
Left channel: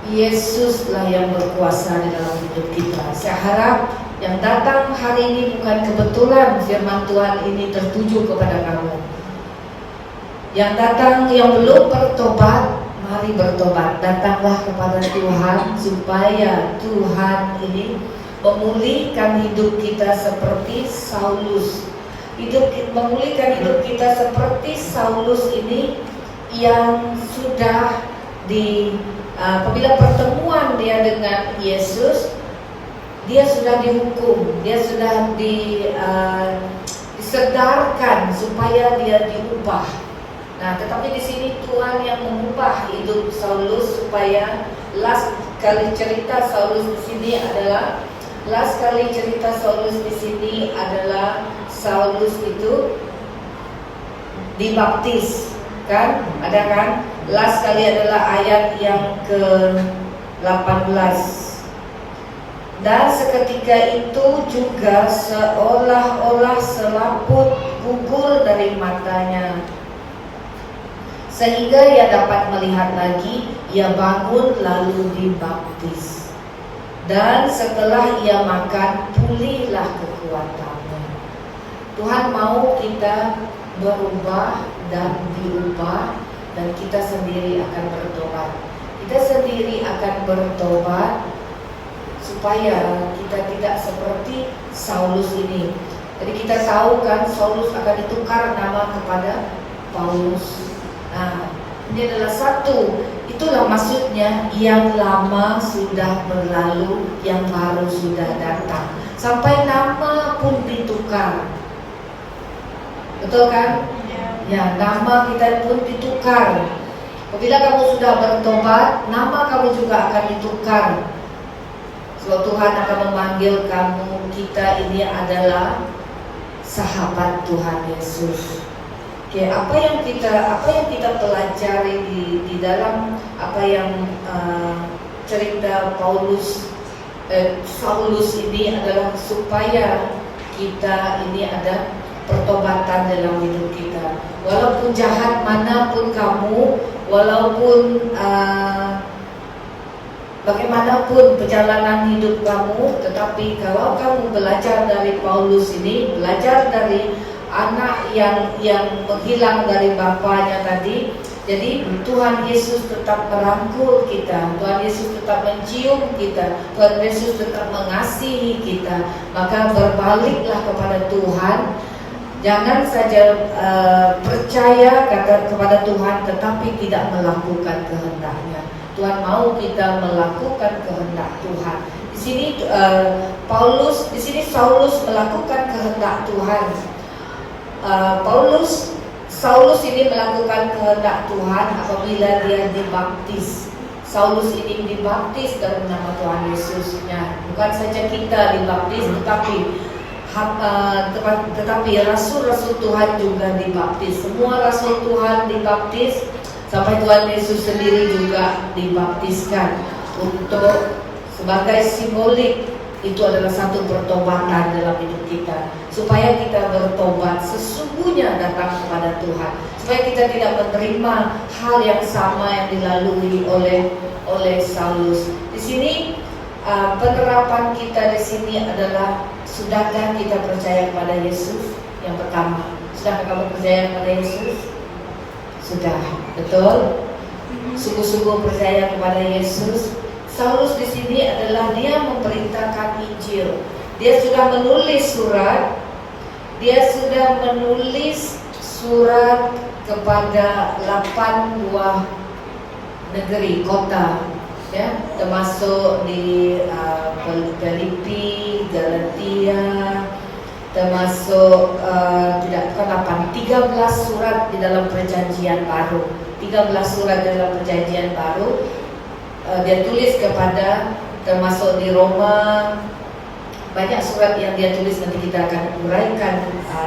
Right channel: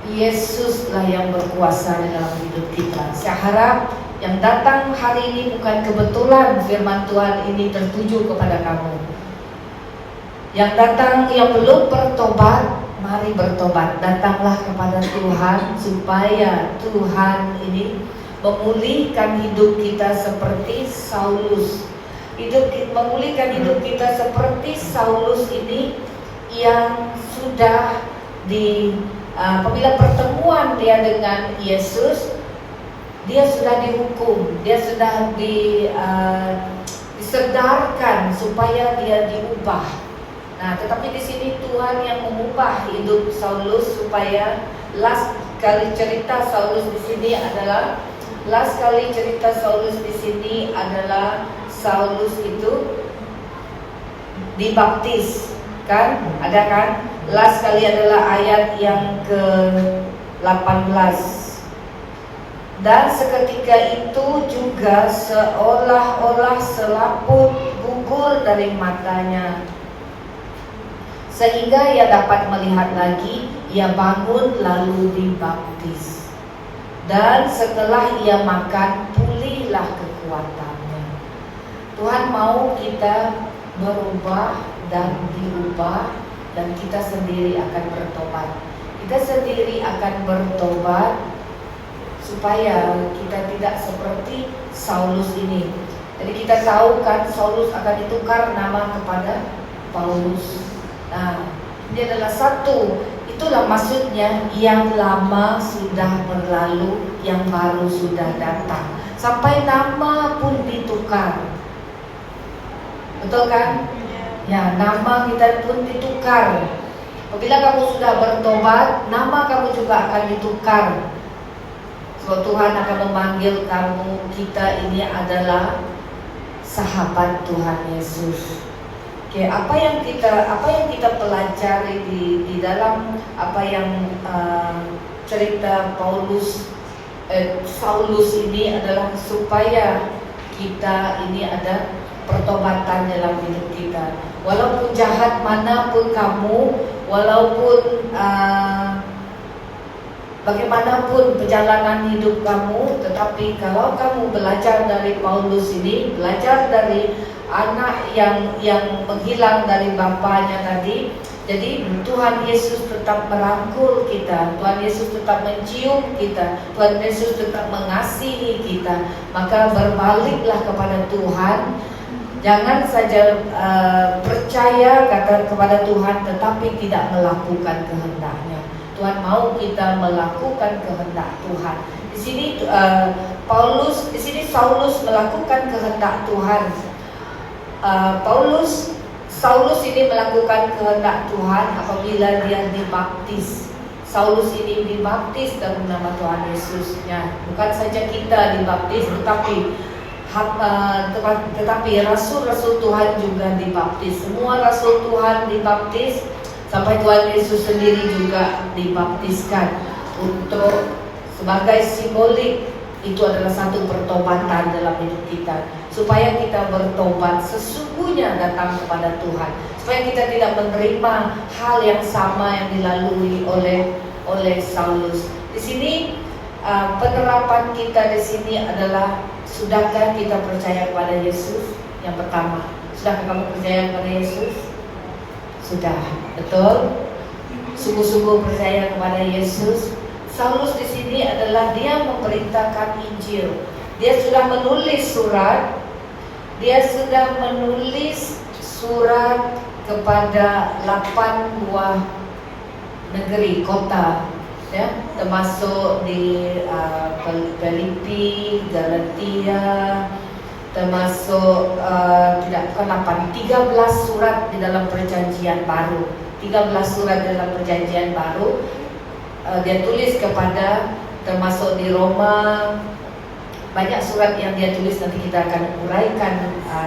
Yesuslah yang berkuasa di dalam hidup kita. Saya harap yang datang hari ini bukan kebetulan firman Tuhan ini tertuju kepada kamu. Yang datang yang belum bertobat, mari bertobat. Datanglah kepada Tuhan supaya Tuhan ini memulihkan hidup kita seperti Saulus. Memulihkan hidup kita seperti Saulus ini yang sudah apabila pertemuan dia dengan Yesus, dia sudah dihukum, dia sudah disedarkan supaya dia diubah. Nah, tetapi di sini Tuhan yang mengubah hidup Saulus supaya last kali cerita Saulus di sini adalah Saulus itu dibaptis, kan? Ada kan? Last kali adalah ayat yang ke-18. Dan seketika itu juga seolah-olah selaput gugur dari matanya, sehingga ia dapat melihat lagi. Ia bangun lalu dibaptis. Dan setelah ia makan, pulihlah kekuatannya. Tuhan mau kita berubah dan diubah, dan kita sendiri akan bertobat. Kita sendiri akan bertobat supaya kita tidak seperti Saulus ini. Jadi kita tahu kan Saulus akan ditukar nama kepada Paulus. Nah, ini adalah satu. Itulah maksudnya yang lama sudah berlalu, yang baru sudah datang. Sampai nama pun ditukar. Betul kan? Ya, nama kita pun ditukar. Apabila kamu sudah bertobat, nama kamu juga akan ditukar. So, Tuhan akan memanggil kamu, kita ini adalah sahabat Tuhan Yesus. Oke, apa yang kita pelajari di dalam apa yang cerita Saulus ini adalah supaya kita ini ada pertobatan dalam hidup kita. Walaupun jahat manapun kamu, walaupun bagaimanapun perjalanan hidup kamu, tetapi kalau kamu belajar dari Paulus ini, belajar dari anak yang menghilang dari bapaknya tadi, jadi Tuhan Yesus tetap merangkul kita, Tuhan Yesus tetap mencium kita, Tuhan Yesus tetap mengasihi kita. Maka berbaliklah kepada Tuhan. Jangan saja percaya kepada Tuhan tetapi tidak melakukan kehendaknya. Tuhan mau kita melakukan kehendak Tuhan. Di sini Saulus melakukan kehendak Tuhan. Saulus ini melakukan kehendak Tuhan apabila dia dibaptis Saulus ini dibaptis dalam nama Tuhan Yesus. Nah, bukan saja kita dibaptis, tetapi rasul-rasul Tuhan juga dibaptis. Semua rasul Tuhan dibaptis, sampai Tuhan Yesus sendiri juga dibaptiskan untuk sebagai simbolik. Itu adalah satu pertobatan dalam hidup kita, supaya kita bertobat sesungguhnya datang kepada Tuhan, supaya kita tidak menerima hal yang sama yang dilalui oleh Saulus. Di sini penerapan kita di sini adalah, sudahkah kita percaya kepada Yesus? Yang pertama, sudahkah kamu percaya kepada Yesus? Sudah, betul. Sungguh-sungguh percaya kepada Yesus. Saulus di sini adalah dia memberitakan Injil. Dia sudah menulis surat kepada 8 buah negeri, kota, ya, termasuk di Filipi, Galatia, termasuk 13 surat di dalam Perjanjian Baru. 13 surat dalam Perjanjian Baru dia tulis kepada, termasuk di Roma. Banyak surat yang dia tulis, nanti kita akan uraikan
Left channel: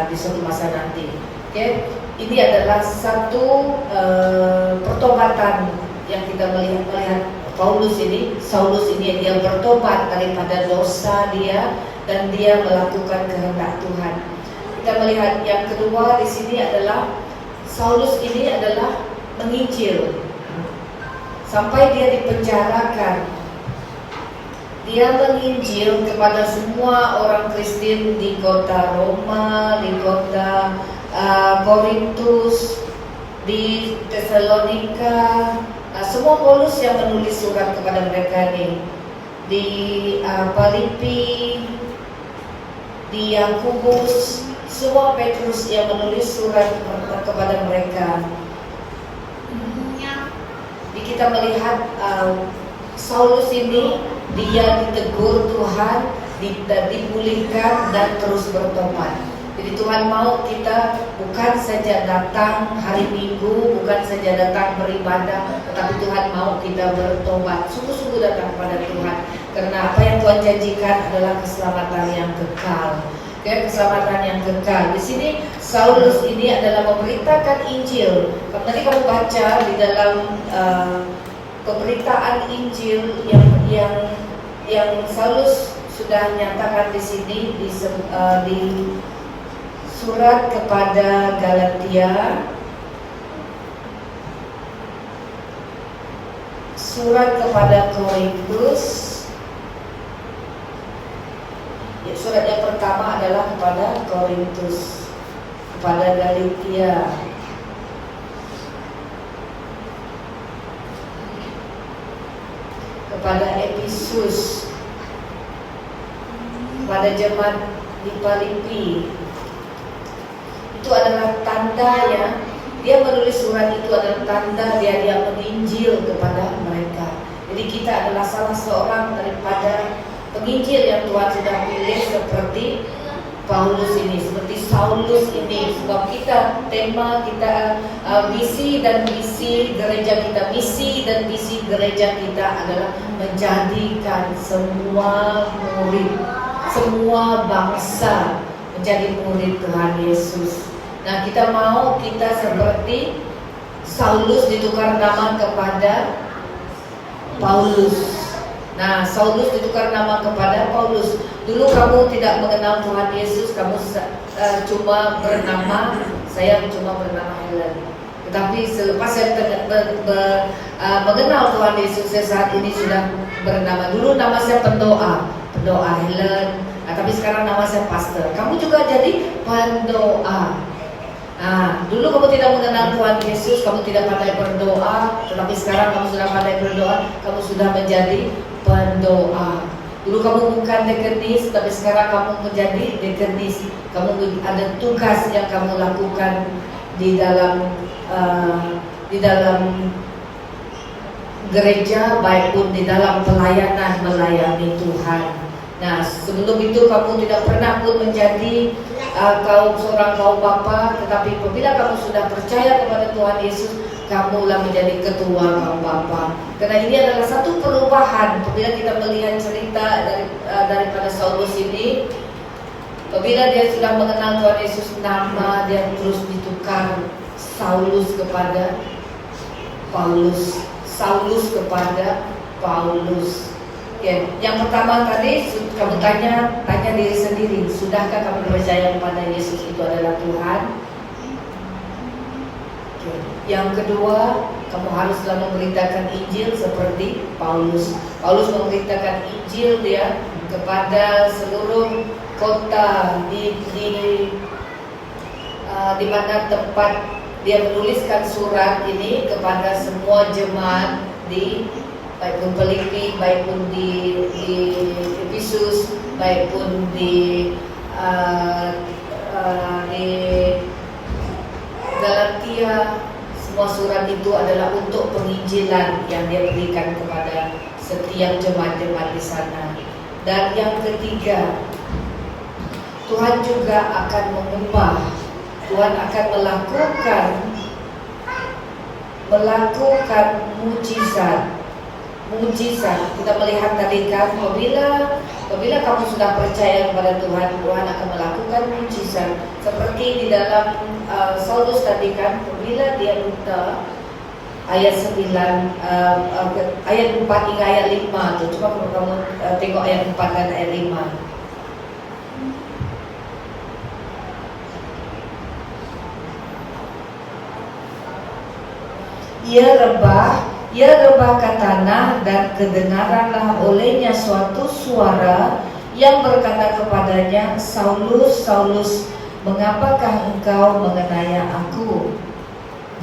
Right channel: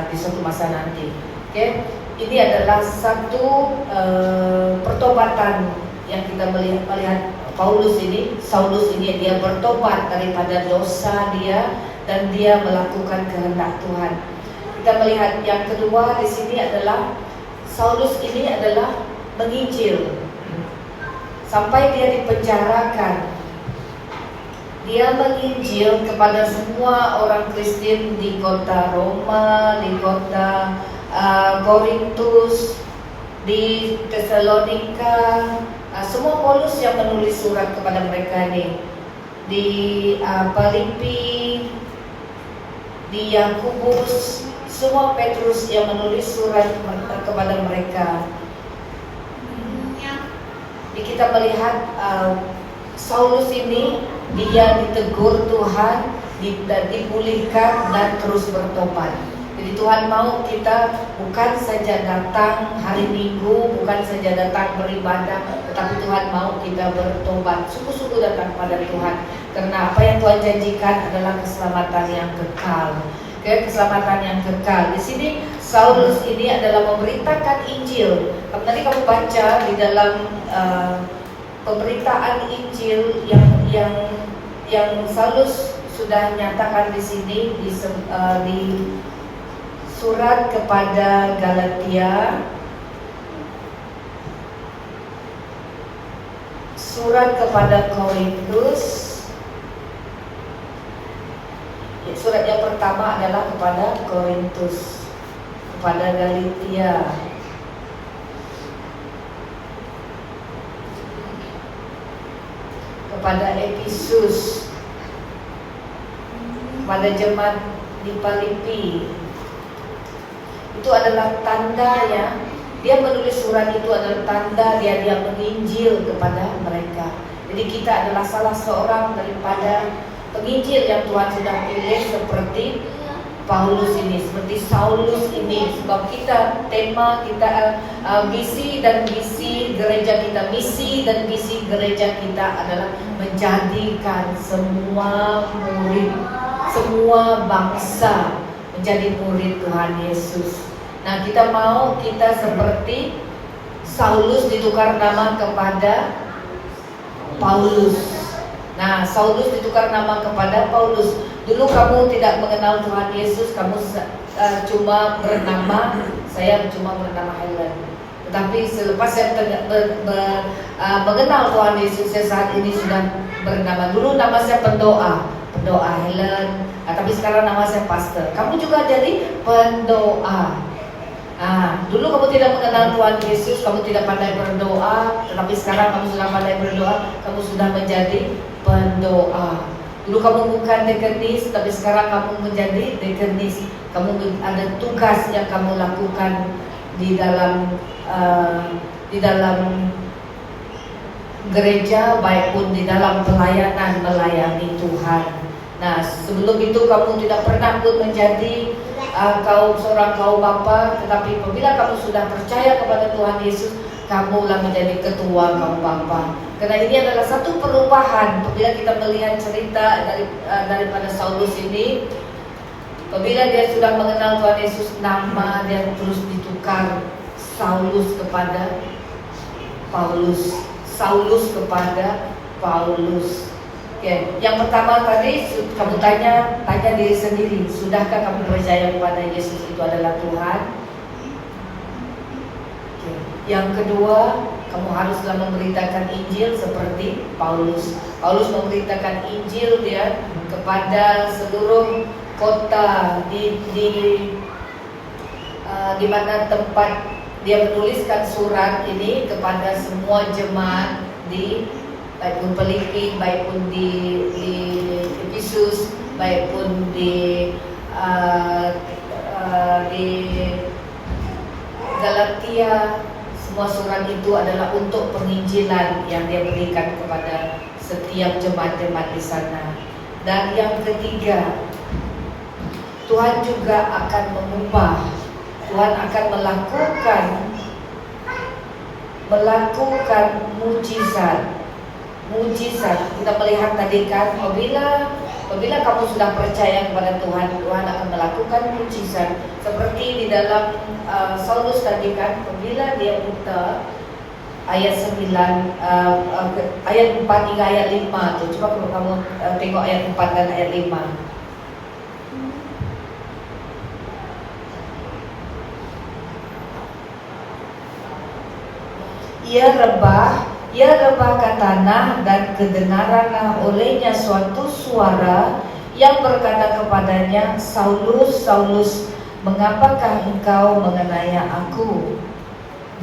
di suatu masa nanti. Okay? Ini adalah satu pertobatan yang kita melihat Saulus ini dia bertobat daripada dosa dia dan dia melakukan kehendak Tuhan. Kita melihat yang kedua di sini adalah Saulus ini adalah menginjil. Sampai dia dipenjarakan, dia menginjil kepada semua orang Kristen di kota Roma, di kota Korintus, di Tesalonika. Semua Paulus yang menulis surat kepada mereka ini, di Filipi, di Yakobus, semua Petrus yang menulis surat kepada mereka. Kita melihat Saulus ini dia ditegur Tuhan, dipulihkan dan terus bertobat. Jadi Tuhan mau kita bukan saja datang hari Minggu, bukan saja datang beribadah, tetapi Tuhan mau kita bertobat, sungguh-sungguh datang kepada Tuhan. Karena apa yang Tuhan janjikan adalah keselamatan yang kekal. Keselamatan yang kekal. Di sini Saulus ini adalah memberitakan Injil. Nanti kamu baca di dalam pemberitaan Injil yang Saulus sudah nyatakan di sini di surat kepada Galatia, surat kepada Korintus. Surat yang pertama adalah kepada Korintus, kepada Galatia, kepada Efesus, pada jemaat di Filipi. Itu adalah tanda, ya. Dia menulis surat itu adalah tanda dia menginjil kepada mereka. Jadi kita adalah salah seorang daripada penginjil yang Tuhan sudah pilih, seperti Paulus ini, seperti Saulus ini. Sebab kita, tema kita misi dan visi gereja kita, misi dan visi gereja kita adalah menjadikan semua murid, semua bangsa menjadi murid Tuhan Yesus. Nah, kita mau kita seperti Saulus ditukar nama kepada Paulus. Nah, Saulus ditukar nama kepada Paulus. Dulu kamu tidak mengenal Tuhan Yesus, kamu cuma bernama, saya cuma bernama Helen. Tetapi selepas saya mengenal Tuhan Yesus, saya saat ini sudah bernama. Dulu nama saya pendoa Helen. Nah, tapi sekarang nama saya pastor. Kamu juga jadi pendoa. Nah, dulu kamu tidak mengenal Tuhan Yesus, kamu tidak pandai berdoa, tetapi sekarang kamu sudah pandai berdoa, kamu sudah menjadi pendoa. Dulu kamu bukan dekenis, tapi sekarang kamu menjadi dekenis. Kamu ada tugas yang kamu lakukan di dalam gereja, baik pun di dalam pelayanan melayani Tuhan. Nah, sebelum itu kamu tidak pernah pun menjadi seorang kaum bapa, tetapi apabila kamu sudah percaya kepada Tuhan Yesus, kamulah menjadi ketua kaum bapa. Karena ini adalah satu perubahan. Apabila kita melihat cerita daripada Saulus ini, apabila dia sudah mengenal Tuhan Yesus, nama dia terus ditukar, Saulus kepada Paulus, Saulus kepada Paulus. Ya, yang pertama tadi kamu tanya diri sendiri, sudahkah kamu percaya kepada Yesus itu adalah Tuhan? Yang kedua, kamu harus memberitakan Injil seperti Paulus. Paulus memberitakan Injil dia kepada seluruh kota di mana tempat dia menuliskan surat ini kepada semua jemaat di baik pun Filipi, baik pun di Efesus, baik pun di Galatia. Semua surat itu adalah untuk penginjilan yang dia berikan kepada setiap jemaat-jemaat di sana. Dan yang ketiga, Tuhan juga akan mengubah, Tuhan akan melakukan mujizat. Kita melihat tadi kan, apabila kamu sudah percaya kepada Tuhan, Tuhan akan melakukan mujizat. Seperti di dalam Saulus tadi kan, apabila dia minta ayat 9, ayat 4 hingga ayat 5. Coba kamu tengok ayat 4 dan ayat 5. Ia rebah ke tanah, dan kedengaranlah olehnya suatu suara yang berkata kepadanya, Saulus, Saulus, mengapakah engkau menganiaya aku?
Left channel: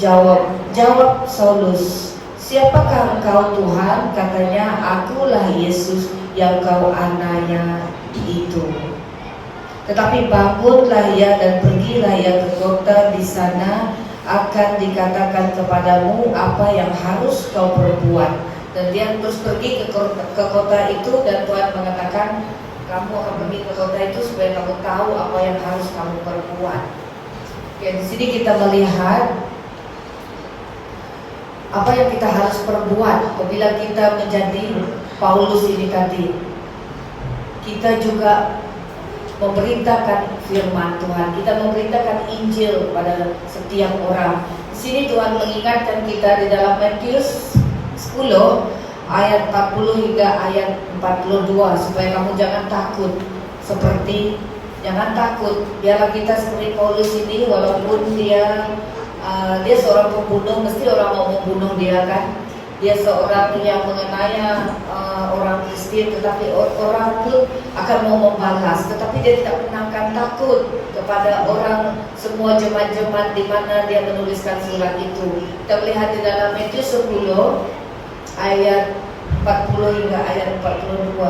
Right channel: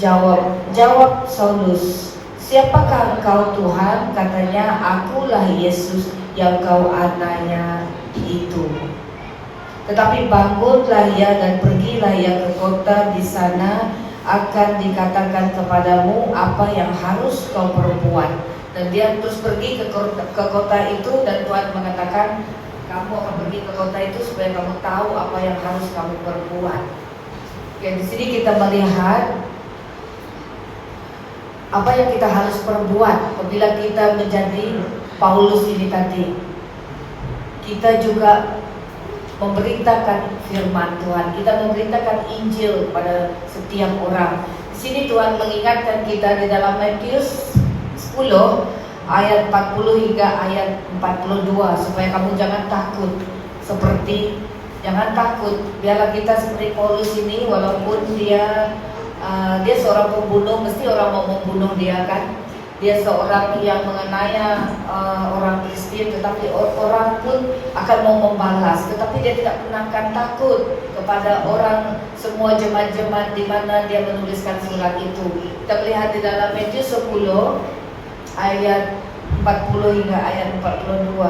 Jawab Saulus, siapakah engkau Tuhan? Katanya, akulah Yesus yang kau aniaya itu. Tetapi bangunlah ia dan pergilah ia ke kota, di sana akan dikatakan kepadamu apa yang harus kau perbuat. Dan dia terus pergi ke kota itu, dan Tuhan mengatakan, kamu akan pergi ke kota itu supaya kamu tahu apa yang harus kamu perbuat. Oke, di sini kita melihat apa yang kita harus perbuat apabila kita menjadi Paulus ini tadi. Kita juga memberitakan firman Tuhan, kita memberitakan Injil kepada setiap orang. Di sini Tuhan mengingatkan kita di dalam Matius 10 ayat 40 hingga ayat 42, supaya kamu jangan takut. Jangan takut. Biarlah kita seperti Paulus ini, walaupun dia seorang pembunuh, mesti orang mau membunuh dia kan. Dia seorang yang menganiaya orang Kristen, tetapi orang pun akan mau membalas. Tetapi dia tidak pernah akan takut kepada orang, semua jemaat-jemaat di mana dia menuliskan surat itu. Kita melihat di dalam Matius 10 ayat 40 hingga ayat 42.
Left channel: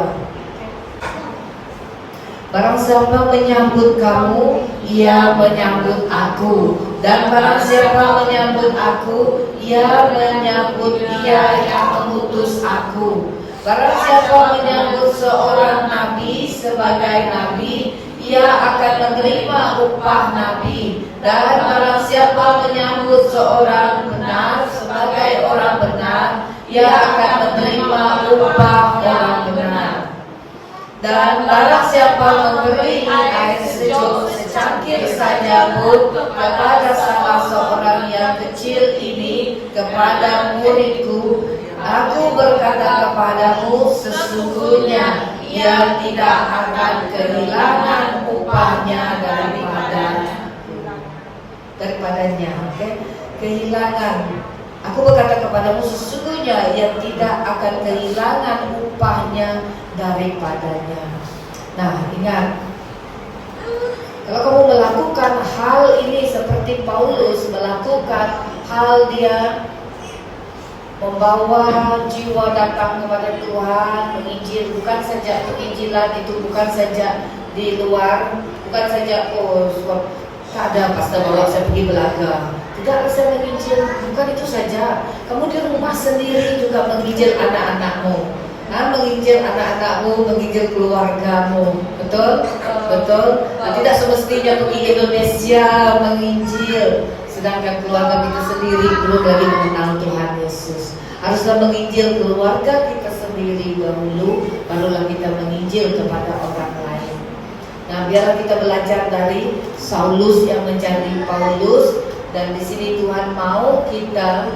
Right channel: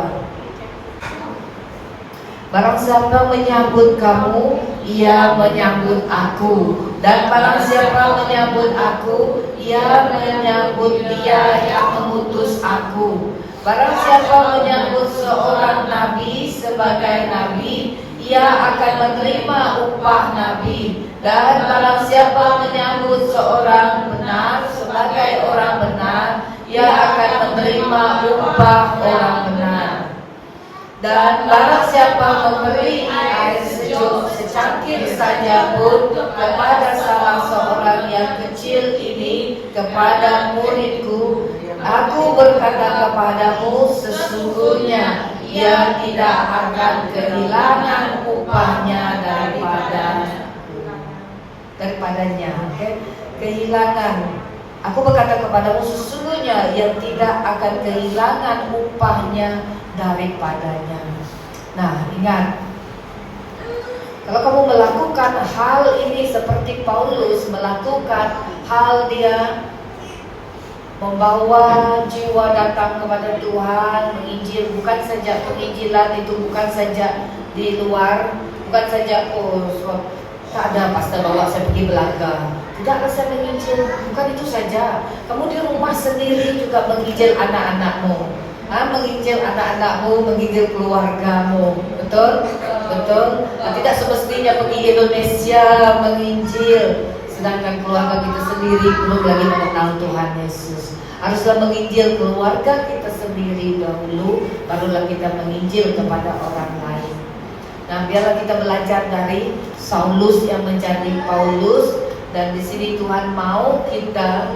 Barang siapa menyambut kamu, ia menyambut aku. Dan barang siapa menyambut aku, ia menyambut dia yang mengutus aku. Barang siapa menyambut seorang nabi sebagai nabi, ia akan menerima upah nabi. Dan barang siapa menyambut seorang benar sebagai orang benar, ia akan menerima upah orang benar. Dan barang siapa memberi air sejuk secangkir saja pun kepada salah seorang yang kecil ini, kepada muridku, aku berkata kepadamu, sesungguhnya ia tidak akan kehilangan upahnya daripadanya. Kehilangan. Aku berkata kepadamu, sesungguhnya ia tidak akan kehilangan upahnya daripadanya. Nah, ingat, kalau kamu melakukan hal ini seperti Paulus melakukan hal, dia membawa jiwa datang kepada Tuhan, menginjil. Bukan saja penginjilan itu, bukan saja di luar, bukan saja ada pastor bawa saya pergi belaga, tidak, saya menginjil. Bukan itu saja, kamu di rumah sendiri juga menginjil anak-anakmu, menginjil anak-anakmu, menginjil keluargamu. Betul? Betul? Tidak semestinya pergi Indonesia menginjil, sedangkan keluarga kita sendiri belum lagi mengenal Tuhan Yesus. Haruslah menginjil keluarga kita sendiri dahulu, barulah kita menginjil kepada orang lain. Nah, biarlah kita belajar dari Saulus yang menjadi Paulus, dan di sini Tuhan mau kita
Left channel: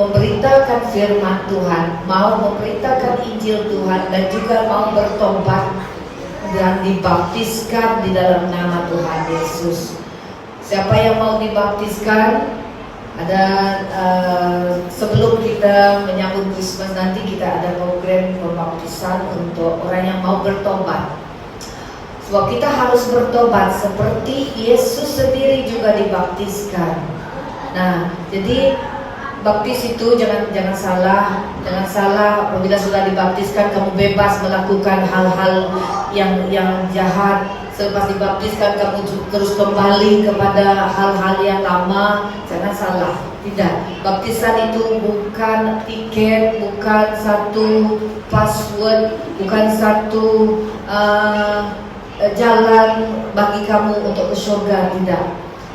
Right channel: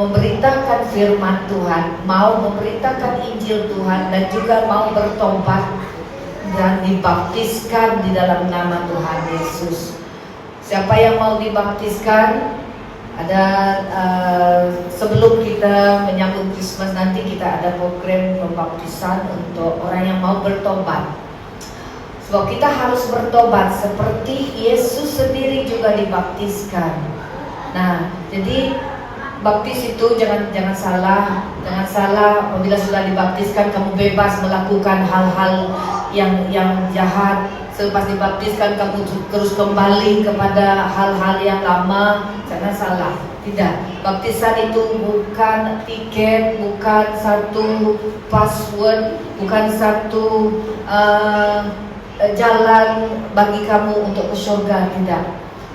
memberitakan firman Tuhan, mau memberitakan Injil Tuhan, dan juga mau bertobat dan dibaptiskan di dalam nama Tuhan Yesus. Siapa yang mau dibaptiskan? Ada sebelum kita menyambut Christmas nanti kita ada program pembaptisan untuk orang yang mau bertobat. Sebab kita harus bertobat seperti Yesus sendiri juga dibaptiskan. Nah, jadi baptis itu jangan salah. Apabila sudah dibaptiskan kamu bebas melakukan hal-hal yang jahat. Selepas dibaptiskan kamu terus kembali kepada hal-hal yang lama. Jangan salah. Tidak. Baptisan itu bukan tiket, bukan satu password, bukan satu jalan bagi kamu untuk ke surga. Tidak.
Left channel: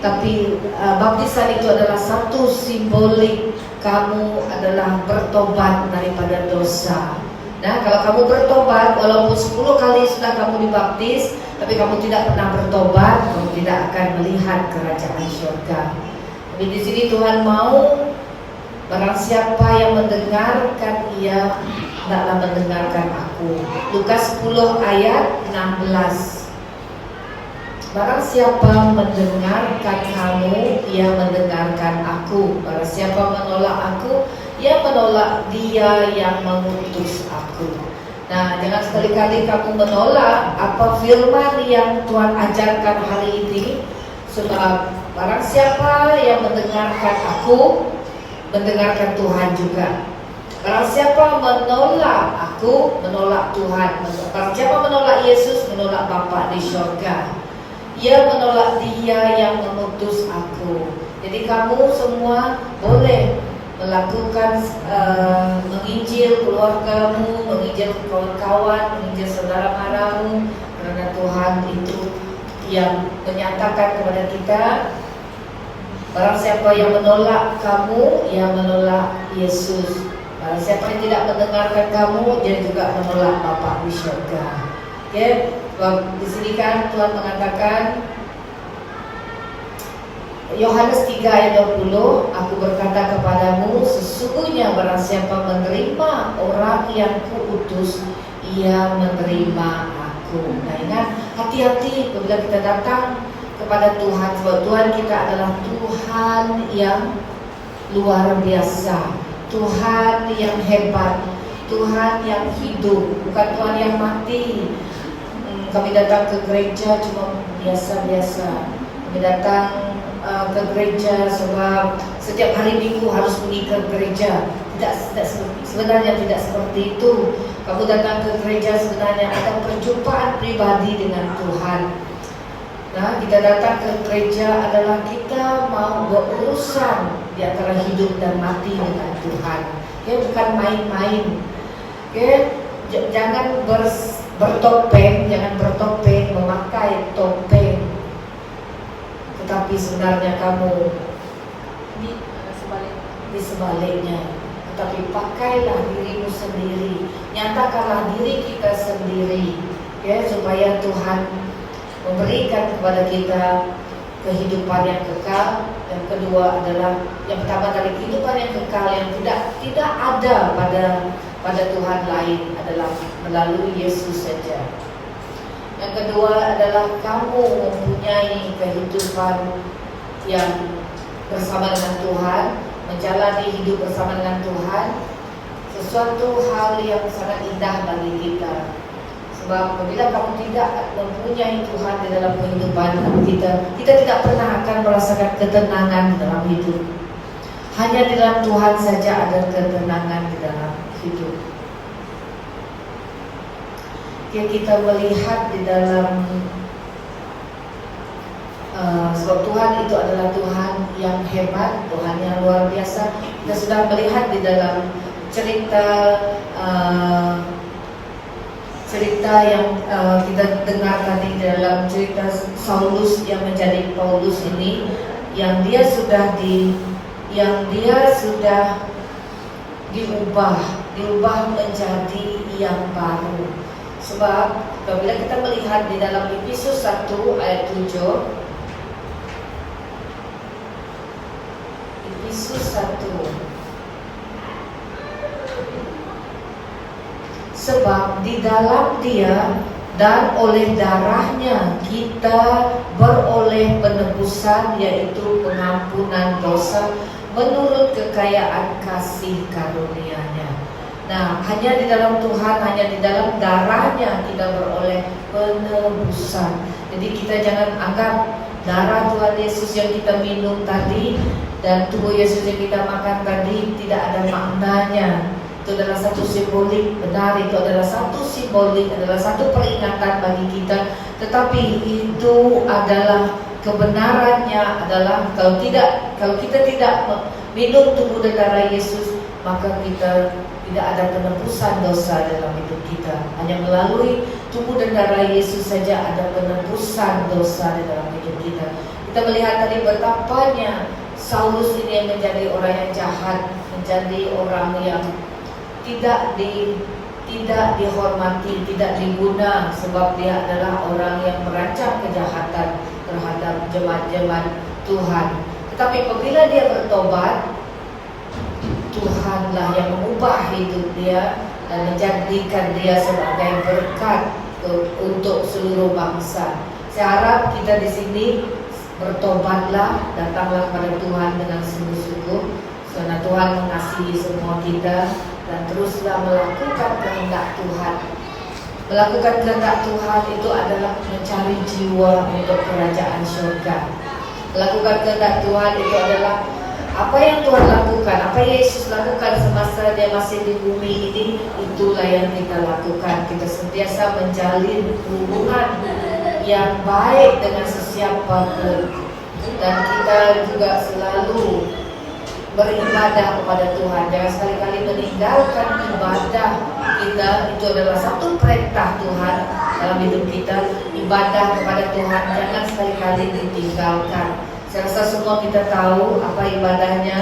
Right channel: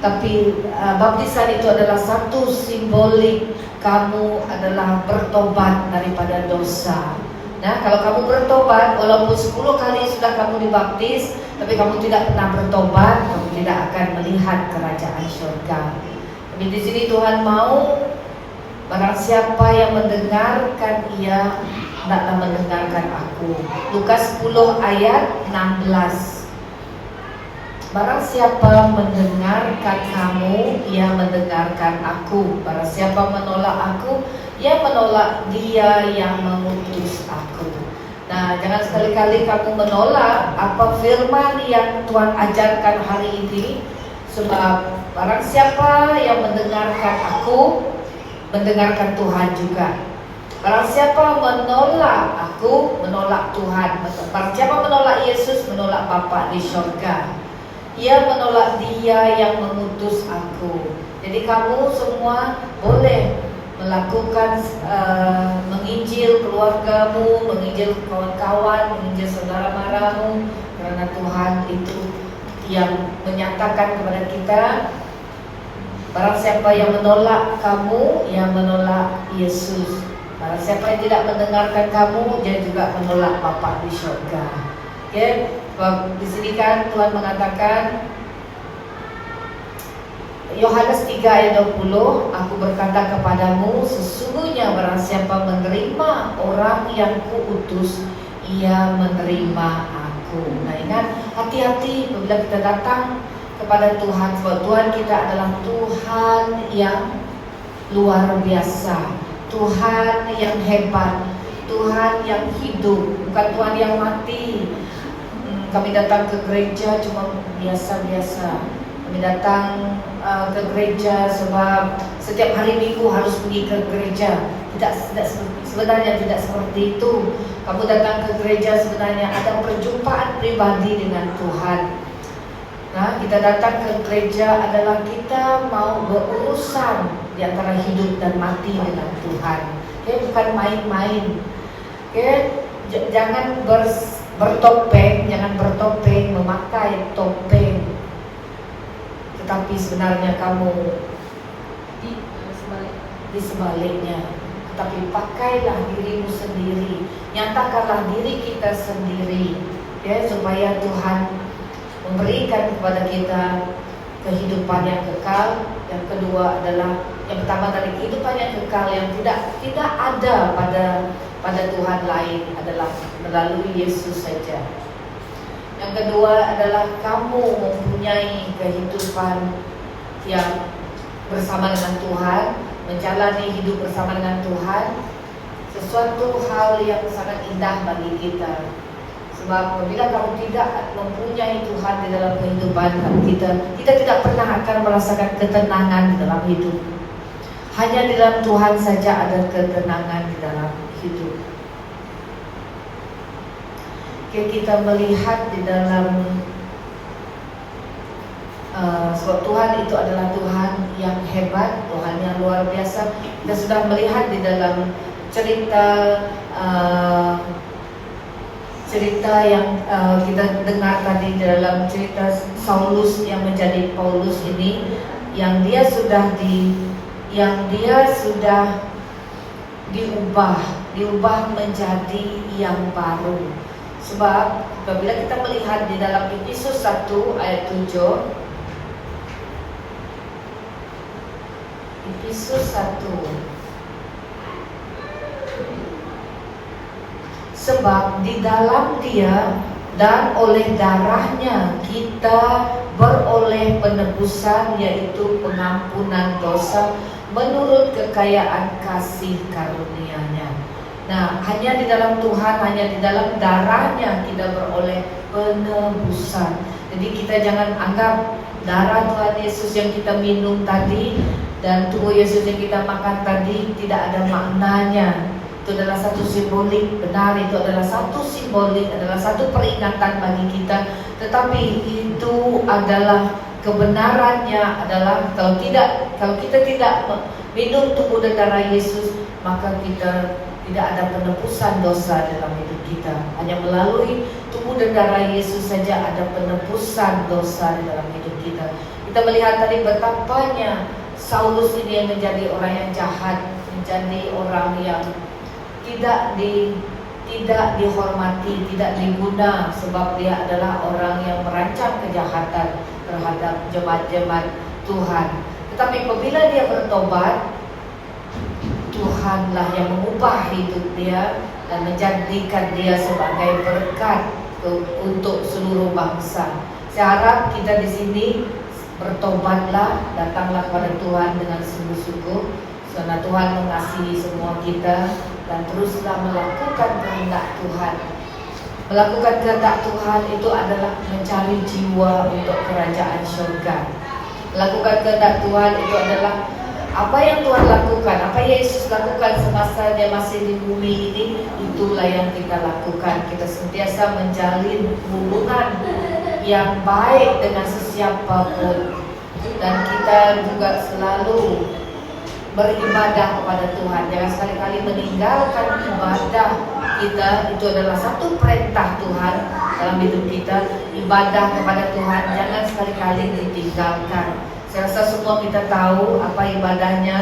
Tapi baptisan itu adalah satu simbolik kamu adalah bertobat daripada dosa. Nah, kalau kamu bertobat, walaupun 10 kali sudah kamu dibaptis, tapi kamu tidak pernah bertobat, kamu tidak akan melihat kerajaan surga. Jadi di sini Tuhan mau barang siapa yang mendengarkan ia hendaklah mendengarkan aku. Lukas 10 ayat 16. Barang siapa mendengarkan kamu, ia mendengarkan aku. Barang siapa menolak aku, ia menolak dia yang mengutus aku. Nah, jangan sekali-kali kamu menolak apa firman yang Tuhan ajarkan hari ini. Sebab barang siapa yang mendengarkan aku, mendengarkan Tuhan juga. Barang siapa menolak aku, menolak Tuhan. Barang siapa menolak Yesus, menolak Bapa di surga. Ia menolak dia yang mengutus aku. Jadi kamu semua boleh melakukan menginjil keluargamu, menginjil kawan-kawan, menginjil saudara-maramu, karena Tuhan itu yang menyatakan kepada kita, barang siapa yang menolak kamu, ia menolak Yesus. Barang siapa yang tidak mendengarkan kamu, dia juga menolak Bapa di surga. Okay? Di sini kan Tuhan mengatakan Yohanes 3 ayat 20, aku berkata kepadamu, sesungguhnya barang siapa menerima orang yang kuutus, ia menerima aku. Nah, ingat, hati-hati bila kita datang kepada Tuhan, sebab Tuhan kita adalah Tuhan yang luar biasa, Tuhan yang hebat, Tuhan yang hidup, bukan Tuhan yang mati. Kami datang ke gereja cuma biasa-biasa. Kami datang ke gereja sebab setiap hari Minggu harus pergi ke gereja. Sebenarnya tidak seperti itu. Kamu datang ke gereja sebenarnya ada perjumpaan pribadi dengan Tuhan. Nah, kita datang ke gereja adalah kita mau berurusan di antara hidup dan mati dengan Tuhan. Ya, bukan main-main. Ya, jangan bertopeng, memakai topeng. Tetapi sebenarnya kamu di sebaliknya. Tetapi pakailah dirimu sendiri, nyatakanlah diri kita sendiri, ya, supaya Tuhan memberikan kepada kita kehidupan yang kekal. Yang kedua adalah yang pertama dari kehidupan yang kekal yang tidak ada pada Tuhan lain adalah melalui Yesus saja. Yang kedua adalah kamu mempunyai kehidupan yang bersama dengan Tuhan, menjalani hidup bersama dengan Tuhan, sesuatu hal yang sangat indah bagi kita. Sebab apabila kamu tidak mempunyai Tuhan di dalam kehidupan kita tidak pernah akan merasakan ketenangan di dalam hidup. Hanya di dalam Tuhan saja ada ketenangan di dalam hidup. Kita melihat di dalam sebab Tuhan itu adalah Tuhan yang hebat, Tuhan yang luar biasa. Kita sudah melihat di dalam cerita cerita yang kita dengar tadi dalam cerita Saulus yang menjadi Paulus ini, yang dia sudah diubah menjadi yang baru. Sebab apabila kita melihat di dalam Efesus 1 ayat 7, Efesus 1, sebab di dalam Dia dan oleh darahnya kita beroleh penebusan, yaitu pengampunan dosa menurut kekayaan kasih karunia-Nya. Nah, hanya di dalam Tuhan, hanya di dalam darahnya kita beroleh penebusan. Jadi kita jangan anggap darah Tuhan Yesus yang kita minum tadi dan tubuh Yesus yang kita makan tadi tidak ada maknanya. Itu adalah satu simbolik, benar, itu adalah satu simbolik, adalah satu peringatan bagi kita. Tetapi itu adalah kebenarannya adalah kalau kita tidak minum tubuh dan darah Yesus, maka kita tidak ada penebusan dosa dalam hidup kita. Hanya melalui tubuh dan darah Yesus saja ada penebusan dosa di dalam hidup kita. Kita melihat tadi betapanya Saulus ini yang menjadi orang yang jahat, menjadi orang yang tidak dihormati, tidak diguna, sebab dia adalah orang yang merancang kejahatan terhadap jemaat-jemaat Tuhan. Tetapi apabila dia bertobat, Tuhanlah yang mengubah hidup dia dan menjadikan dia sebagai berkat untuk seluruh bangsa. Saya harap kita di sini bertobatlah, datanglah kepada Tuhan dengan sungguh-sungguh, karena Tuhan mengasihi semua kita, dan teruslah melakukan kehendak Tuhan. Melakukan kehendak Tuhan itu adalah mencari jiwa untuk kerajaan surga. Melakukan kehendak Tuhan itu adalah apa yang Tuhan lakukan, apa Yesus lakukan semasa dia masih di bumi ini, itulah yang kita lakukan. Kita sentiasa menjalin hubungan yang baik dengan sesiapapun, dan kita juga selalu beribadah kepada Tuhan. Jangan sekali-kali meninggalkan ibadah kita. Itu adalah satu perintah Tuhan dalam hidup kita. Ibadah kepada Tuhan jangan sekali-kali ditinggalkan. Saya rasa semua kita tahu apa ibadahnya.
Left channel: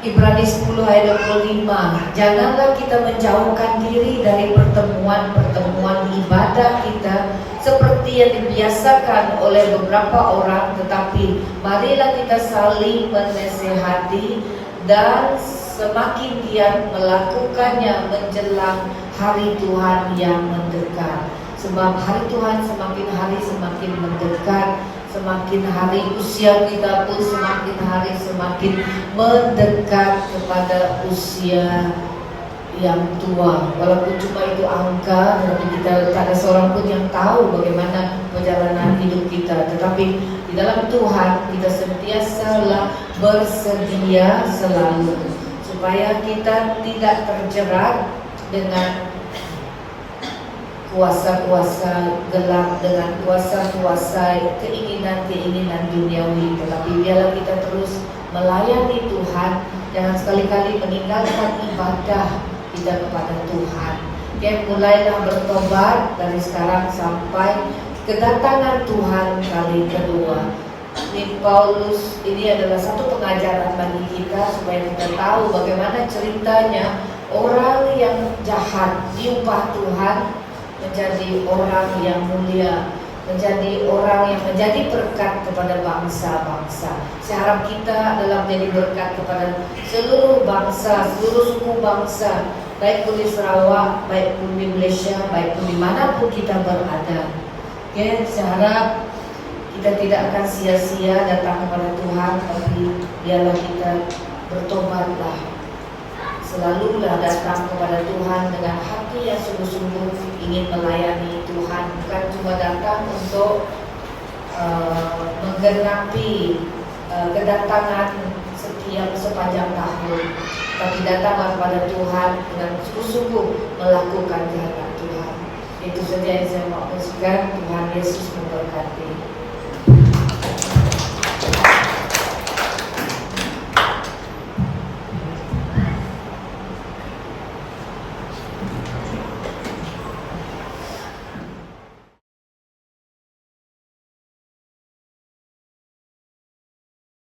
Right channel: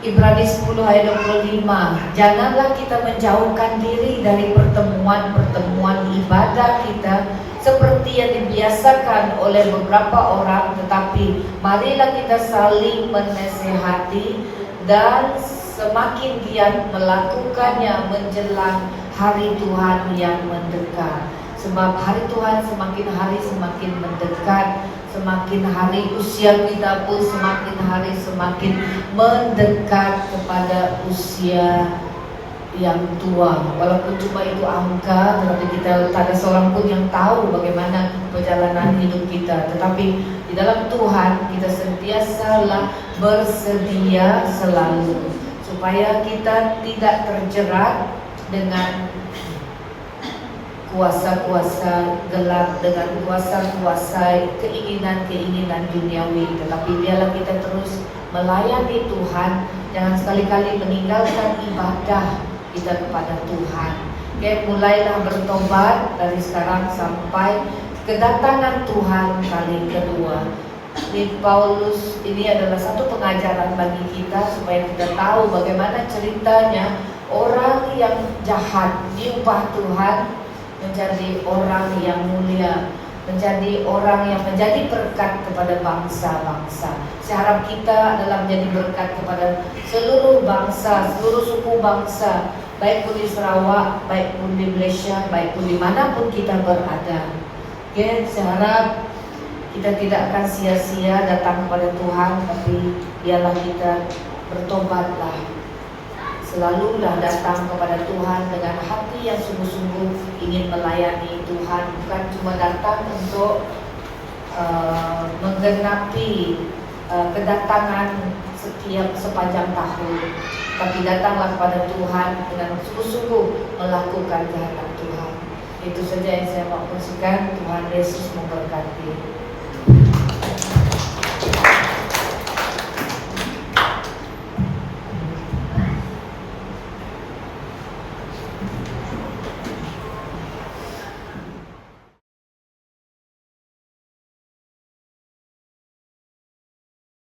Ibrani 10 ayat 25, janganlah kita menjauhkan diri dari pertemuan-pertemuan ibadah kita seperti yang dibiasakan oleh beberapa orang, tetapi marilah kita saling menasihati dan semakin giat melakukannya menjelang hari Tuhan yang mendekat. Sebab hari Tuhan semakin hari semakin mendekat, semakin hari usia kita pun semakin hari semakin mendekat kepada usia yang tua. Walaupun cuma itu angka, tapi kita tak ada seorang pun yang tahu bagaimana perjalanan hidup kita. Tetapi di dalam Tuhan kita sentiasalah bersedia selalu, supaya kita tidak terjerat dengan kuasa-kuasa gelap, dengan kuasa-kuasa keinginan-keinginan duniawi. Tetapi biarlah kita terus melayani Tuhan, jangan sekali-kali meninggalkan ibadah kita kepada Tuhan. Mulailah bertobat dari sekarang sampai kedatangan Tuhan kali kedua. Di Paulus ini adalah satu pengajaran bagi kita supaya kita tahu bagaimana ceritanya orang yang jahat diubah Tuhan menjadi orang yang mulia, menjadi orang yang menjadi berkat kepada bangsa-bangsa. Saya harap kita adalah menjadi berkat kepada seluruh bangsa, seluruh suku bangsa, baik pun di Sarawak, baik pun di Malaysia, baik pun dimanapun kita berada. Saya harap kita tidak akan sia-sia datang kepada Tuhan, tapi biarlah kita bertobatlah. Selalulah datang kepada Tuhan dengan hati yang sungguh-sungguh ingin melayani Tuhan, bukan cuma datang untuk menggenapi kedatangan sepanjang tahun, tapi datanglah kepada Tuhan dengan sungguh-sungguh melakukan kehendak Tuhan. Itu saja yang saya mau kongsikan. Tuhan Yesus memberkati.